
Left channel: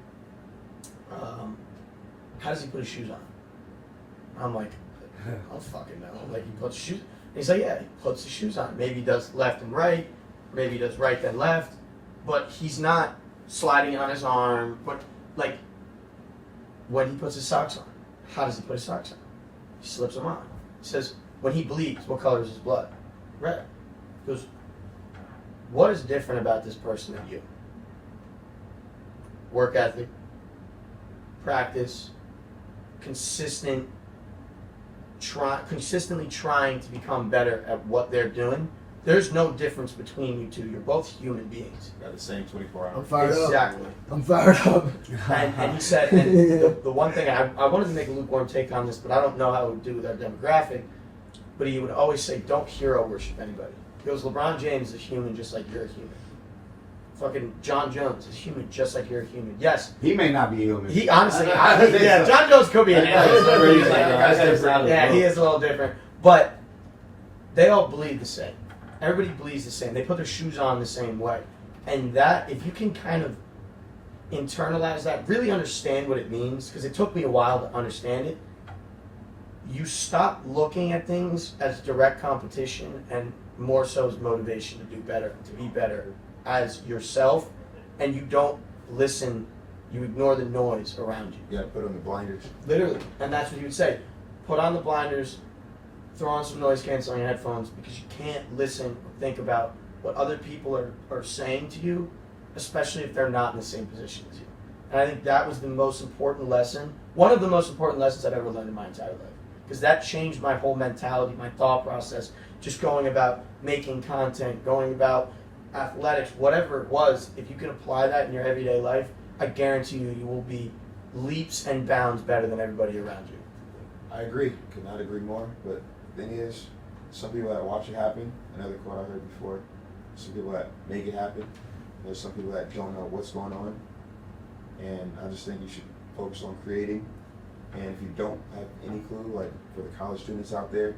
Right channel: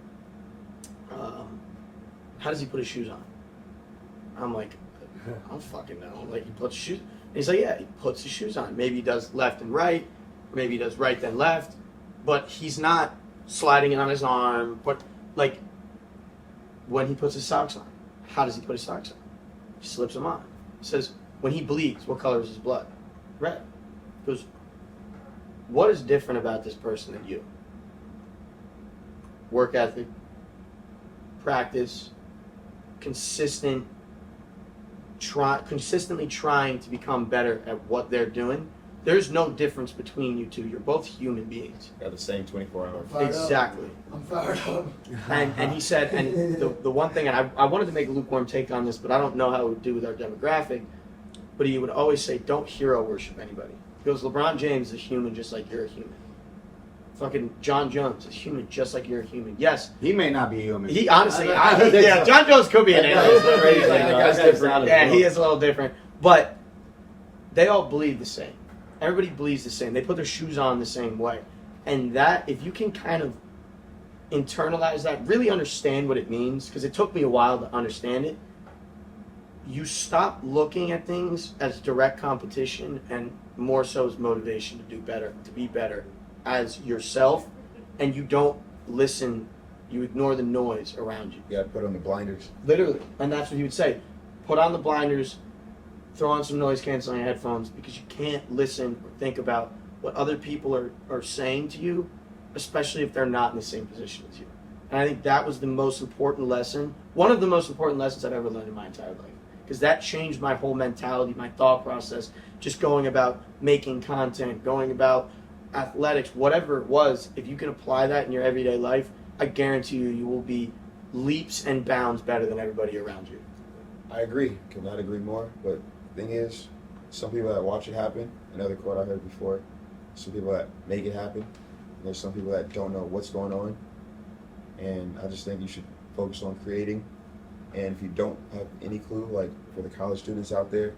how does he put his shoes on?" I'm like, "I don't fucking know." Like, he puts shoes. And he's like, "Yeah, he puts his shoes on. Maybe he does left and right, maybe he does right then left, but he's not sliding it on his arm." But like, when he puts his socks on, how does he put his socks on? He slips them on. He says, when he bleeds, what color is his blood? Red. He goes, what is different about this person than you? Work ethic, practice, consistently trying to become better at what they're doing. There's no difference between you two. You're both human beings. Got the same 24 I'm hours. fired Exactly. up. I'm fired up. And he said, and the one thing, I wanted to make a lukewarm take on this, but I don't know how it would do with our demographic, but he would always say, don't hero worship anybody. He goes, LeBron James is a human just like you're a human. Fucking John Jones is human just like you're a human. Yes. He may not be human. He honestly, yeah, John Jones could be an alien. That guy's different. Yeah, he is a little different. But they all bleed the same. Everybody bleeds the same. They put their shoes on the same way. And that, if you can kind of internalize that, really understand what it means, because it took me a while to understand it, you stop looking at things as direct competition and more so as motivation to do better, to be better as yourself, and you don't listen, you ignore the noise around you. You gotta put on the blinders. Literally. And that's what he would say. Put on the blinders, throw on some noise canceling headphones, because you can't listen or think about what other people are saying to you, especially if they're not in the same position as you. And I think that was the most important lesson, one of the most important lessons I've ever learned in my entire life. Because that changed my whole mentality, my thought process, just going about making content, going about athletics, whatever it was. If you can apply that in your everyday life, I guarantee you, you will be leaps and bounds better than everybody around you. I agree. Could not agree more. But the thing is, some people that watch it happen, another quote I heard before, some people that make it happen, there's some people that don't know what's going on. And I just think you should focus on creating. And if you don't have any clue, like for the college students out there,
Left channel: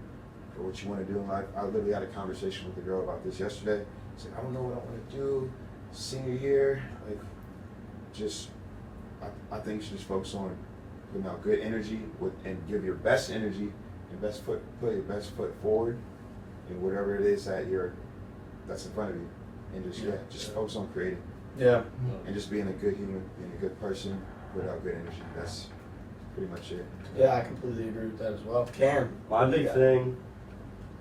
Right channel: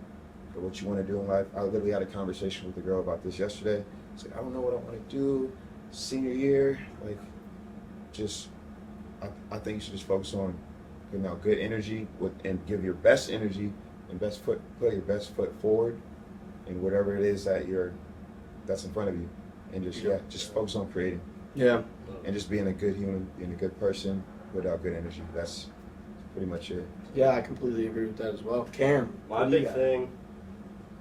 for what you want to do in life, I literally had a conversation with a girl about this yesterday. It's like, I don't know what I want to do senior year. Like, just, I think you should just focus on putting out good energy and give your best energy and put your best foot forward in whatever it is that's in front of you. And just focus on creating. Yeah. And just being a good human, being a good person without good energy. That's pretty much it. Yeah, I completely agree with that as well. Cam, My what do you big got? thing,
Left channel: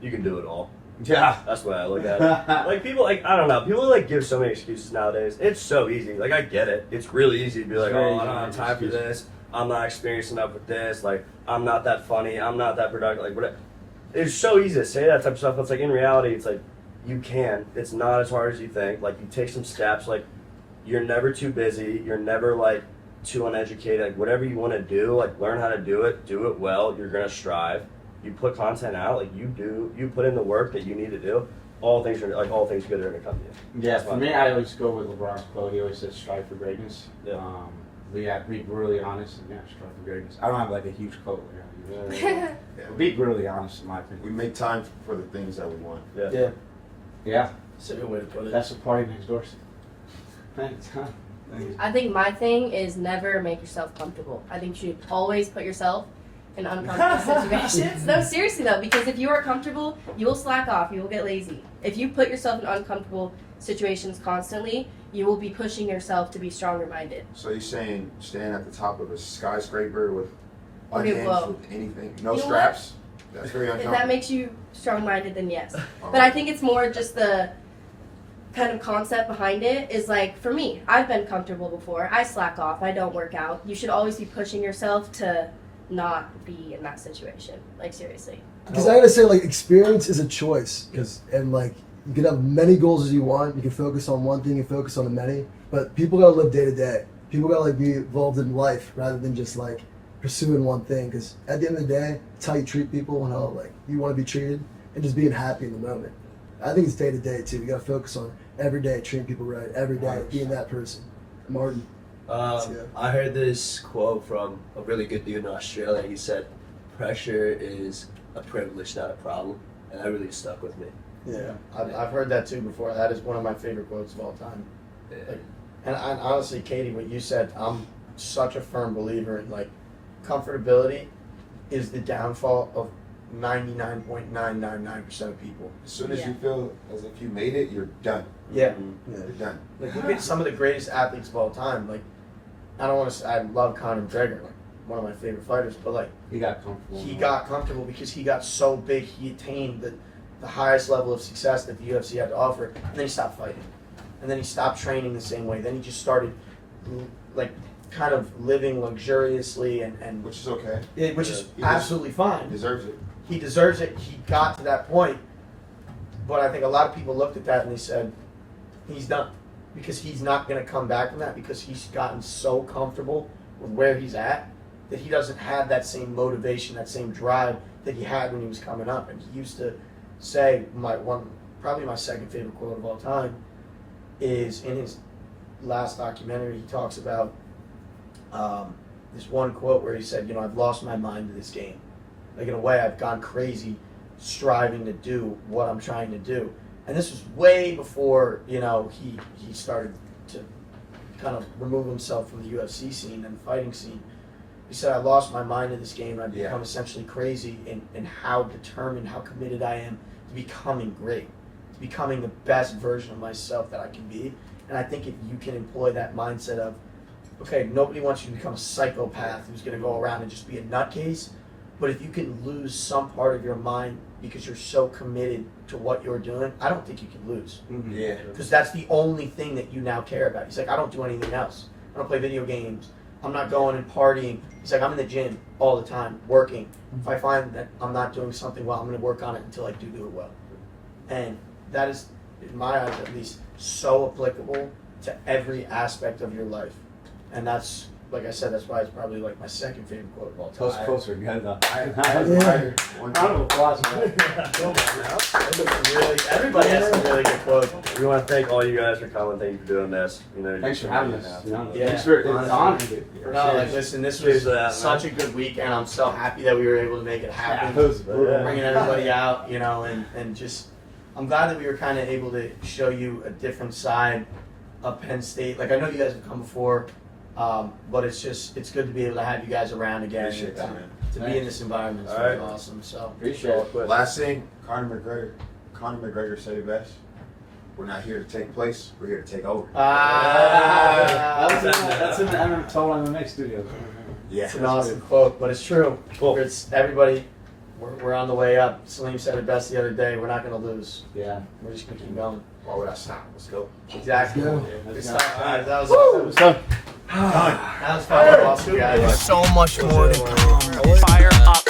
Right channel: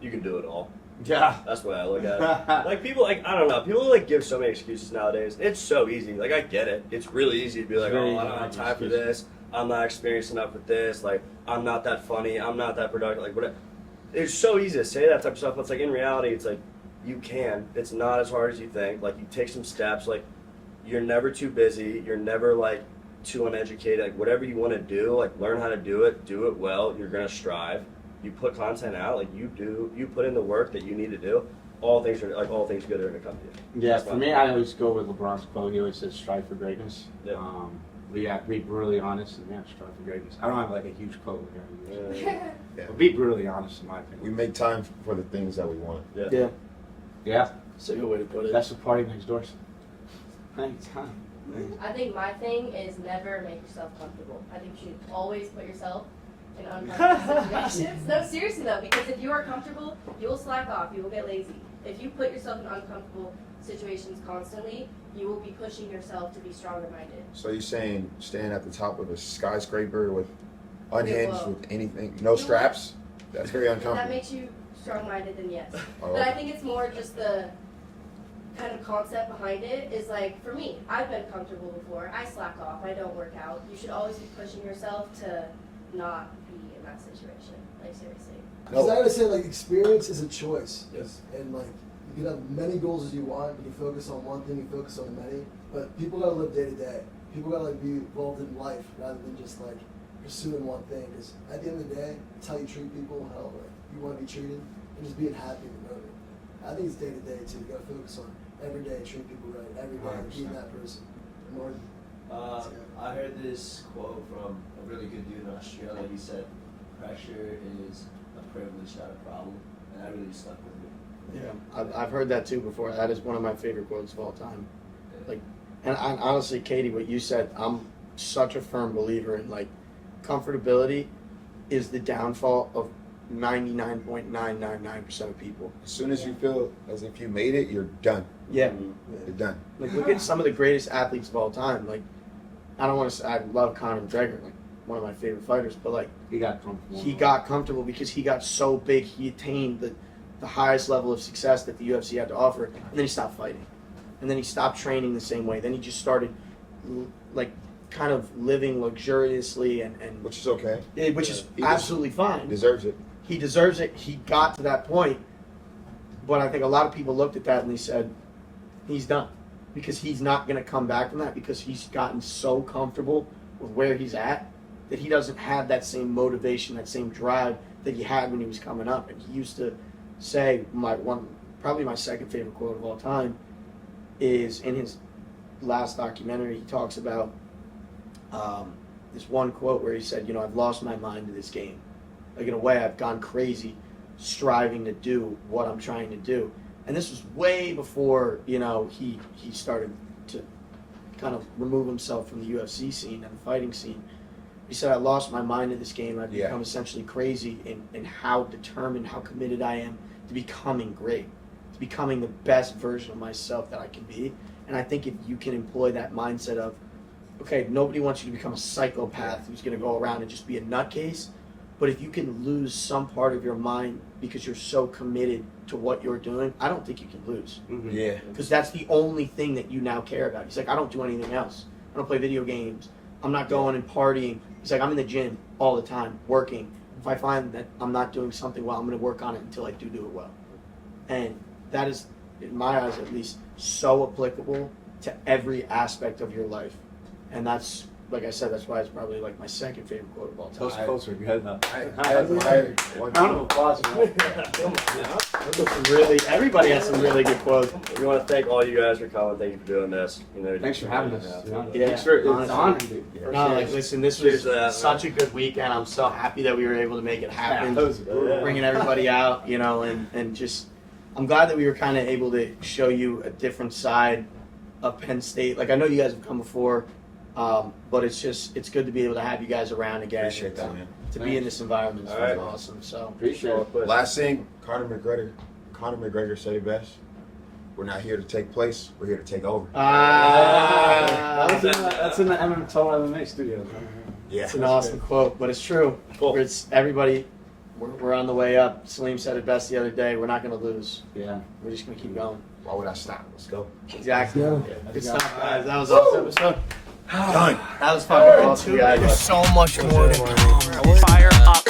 you can do it all. Yeah. That's the way I look at it. Like, people, like, I don't know, people like give so many excuses nowadays. It's so easy. Like, I get it. It's really easy to be like, Very oh, I don't have easy time for excuse. this. I'm not experienced enough with this. Like, I'm not that funny. I'm not that productive. Like, whatever. It's so easy to say that type of stuff. But it's like, in reality, it's like, you can. It's not as hard as you think. Like, you take some steps. Like, you're never too busy. You're never, like, too uneducated. Like, whatever you want to do, like, learn how to do it well. You're going to strive. You put content out, like, you put in the work that you need to do. All things good are going to come to you. Yeah, That's for my- me, I always go with LeBron's quote. He always says, strive for greatness. Yeah. Be brutally honest. Yeah, strive for greatness. I don't have like a huge quote here. Yeah. Yeah. Be brutally honest, in my We opinion. make time for the things that we want. Yeah, Yeah, that's a good way to put it. that's the party next door. Thanks, huh? Thanks. I think my thing is never make yourself comfortable. I think you should always put yourself in uncomfortable situations. No, seriously though, because if you are comfortable, you will slack off, you will get lazy. If you put yourself in uncomfortable situations constantly, you will be pushing yourself to be stronger minded. So you're saying standing at the top of a skyscraper with Okay, unhinged, whoa. with anything, no You know straps? That's very If uncomfortable. that makes you strong minded, then yes. All But I right. think it's more just the kind of concept behind it is like, for me, I've been comfortable before. I slack off. I don't work out. You should always be pushing yourself to not be in that situation. Like, seriously. Because I gotta say, like, experience is a choice. And like, you can have many goals as you want. You can focus on one thing and focus on the many. But people gotta live day to day. People gotta like be involved in life rather than just like pursuing one thing. Because at the end of the day, it's how you treat people and how like you want to be treated, and just being happy in the moment. I think it's day to day too. You gotta focus on every day treating people right. Every day being that person. Martin. I heard this quote from a really good dude in Australia. He said, "Pressure is a privilege, not a problem," and that really stuck with me. Yeah, I've heard that too before. That is one of my favorite quotes of all time. Yeah. Like, and honestly, Katie, what you said, I'm such a firm believer in, like, comfortability is the downfall of 99.999% of people. As soon as you feel as if you made it, you're done. Yeah. You're done. Like, look at some of the greatest athletes of all time. Like, I don't want to say I love Conor McGregor, like one of my favorite fighters, but like He got comfortable. he got comfortable because he got so big, he attained the highest level of success that the UFC had to offer, and then he stopped fighting, and then he stopped training the same way. Then he just started, like, kind of living luxuriously, and Which is okay. which is He absolutely fine. He deserves it. He deserves it. He got to that point, but I think a lot of people looked at that and they said, he's done, because he's not going to come back from that, because he's gotten so comfortable with where he's at that he doesn't have that same motivation, that same drive that he had when he was coming up. And he used to say, probably my second favorite quote of all time is in his last documentary. He talks about this one quote where he said, I've lost my mind to this game. Like, in a way, I've gone crazy striving to do what I'm trying to do. And this was way before, he started to kind of remove himself from the UFC scene and the fighting scene. He said, I lost my mind to this game. I've become essentially crazy in how determined, how committed I am to becoming great, to becoming the best version of myself that I can be. And I think if you can employ that mindset of, okay, nobody wants you to become a psychopath who's going to go around and just be a nutcase, but if you can lose some part of your mind because you're so committed to what you're doing, I don't think you can lose. Mhm. Yeah. Because that's the only thing that you now care about. He's like, I don't do anything else. I don't play video games. I'm not going and partying. He's like, I'm in the gym all the time, working. If I find that I'm not doing something well, I'm going to work on it until I do it well. And that is, in my eyes at least, so applicable to every aspect of your life. And that's, like I said, that's why it's probably like my second favorite quote of all Those time. quotes are good though. I admire one Round of thing. applause, man. Everybody has some really good quotes. We want to thank all you guys for coming. Thank you for doing this. Thanks for having us. Yeah, Thanks for it's an honor. honestly. No, like, listen, this was Cheers to that, such a good weekend. I'm so happy that we were able to make it happen. Yeah, those- Bringing everybody out, and just, I'm glad that we were kind of able to show you a different side of Penn State. Like, I know you guys have come before, but it's good to be able to have you guys around again. Appreciate that, man. To be in this environment is All right. awesome. So Appreciate it. Last thing, Conor McGregor said it best. We're not here to take place. We're here to take over. That's in the Total MMA studio. Yeah. It's an awesome quote, but it's true. Cool. It's everybody. We're on the way up. Salim said it best the other day. We're not going to lose. Yeah. We're just going to keep going. Why would I stop? Let's go. Exactly. Yeah. Good stuff, guys. That was awesome. It was fun. Done. That was fucking awesome, guys. There's so much more to come. Fire up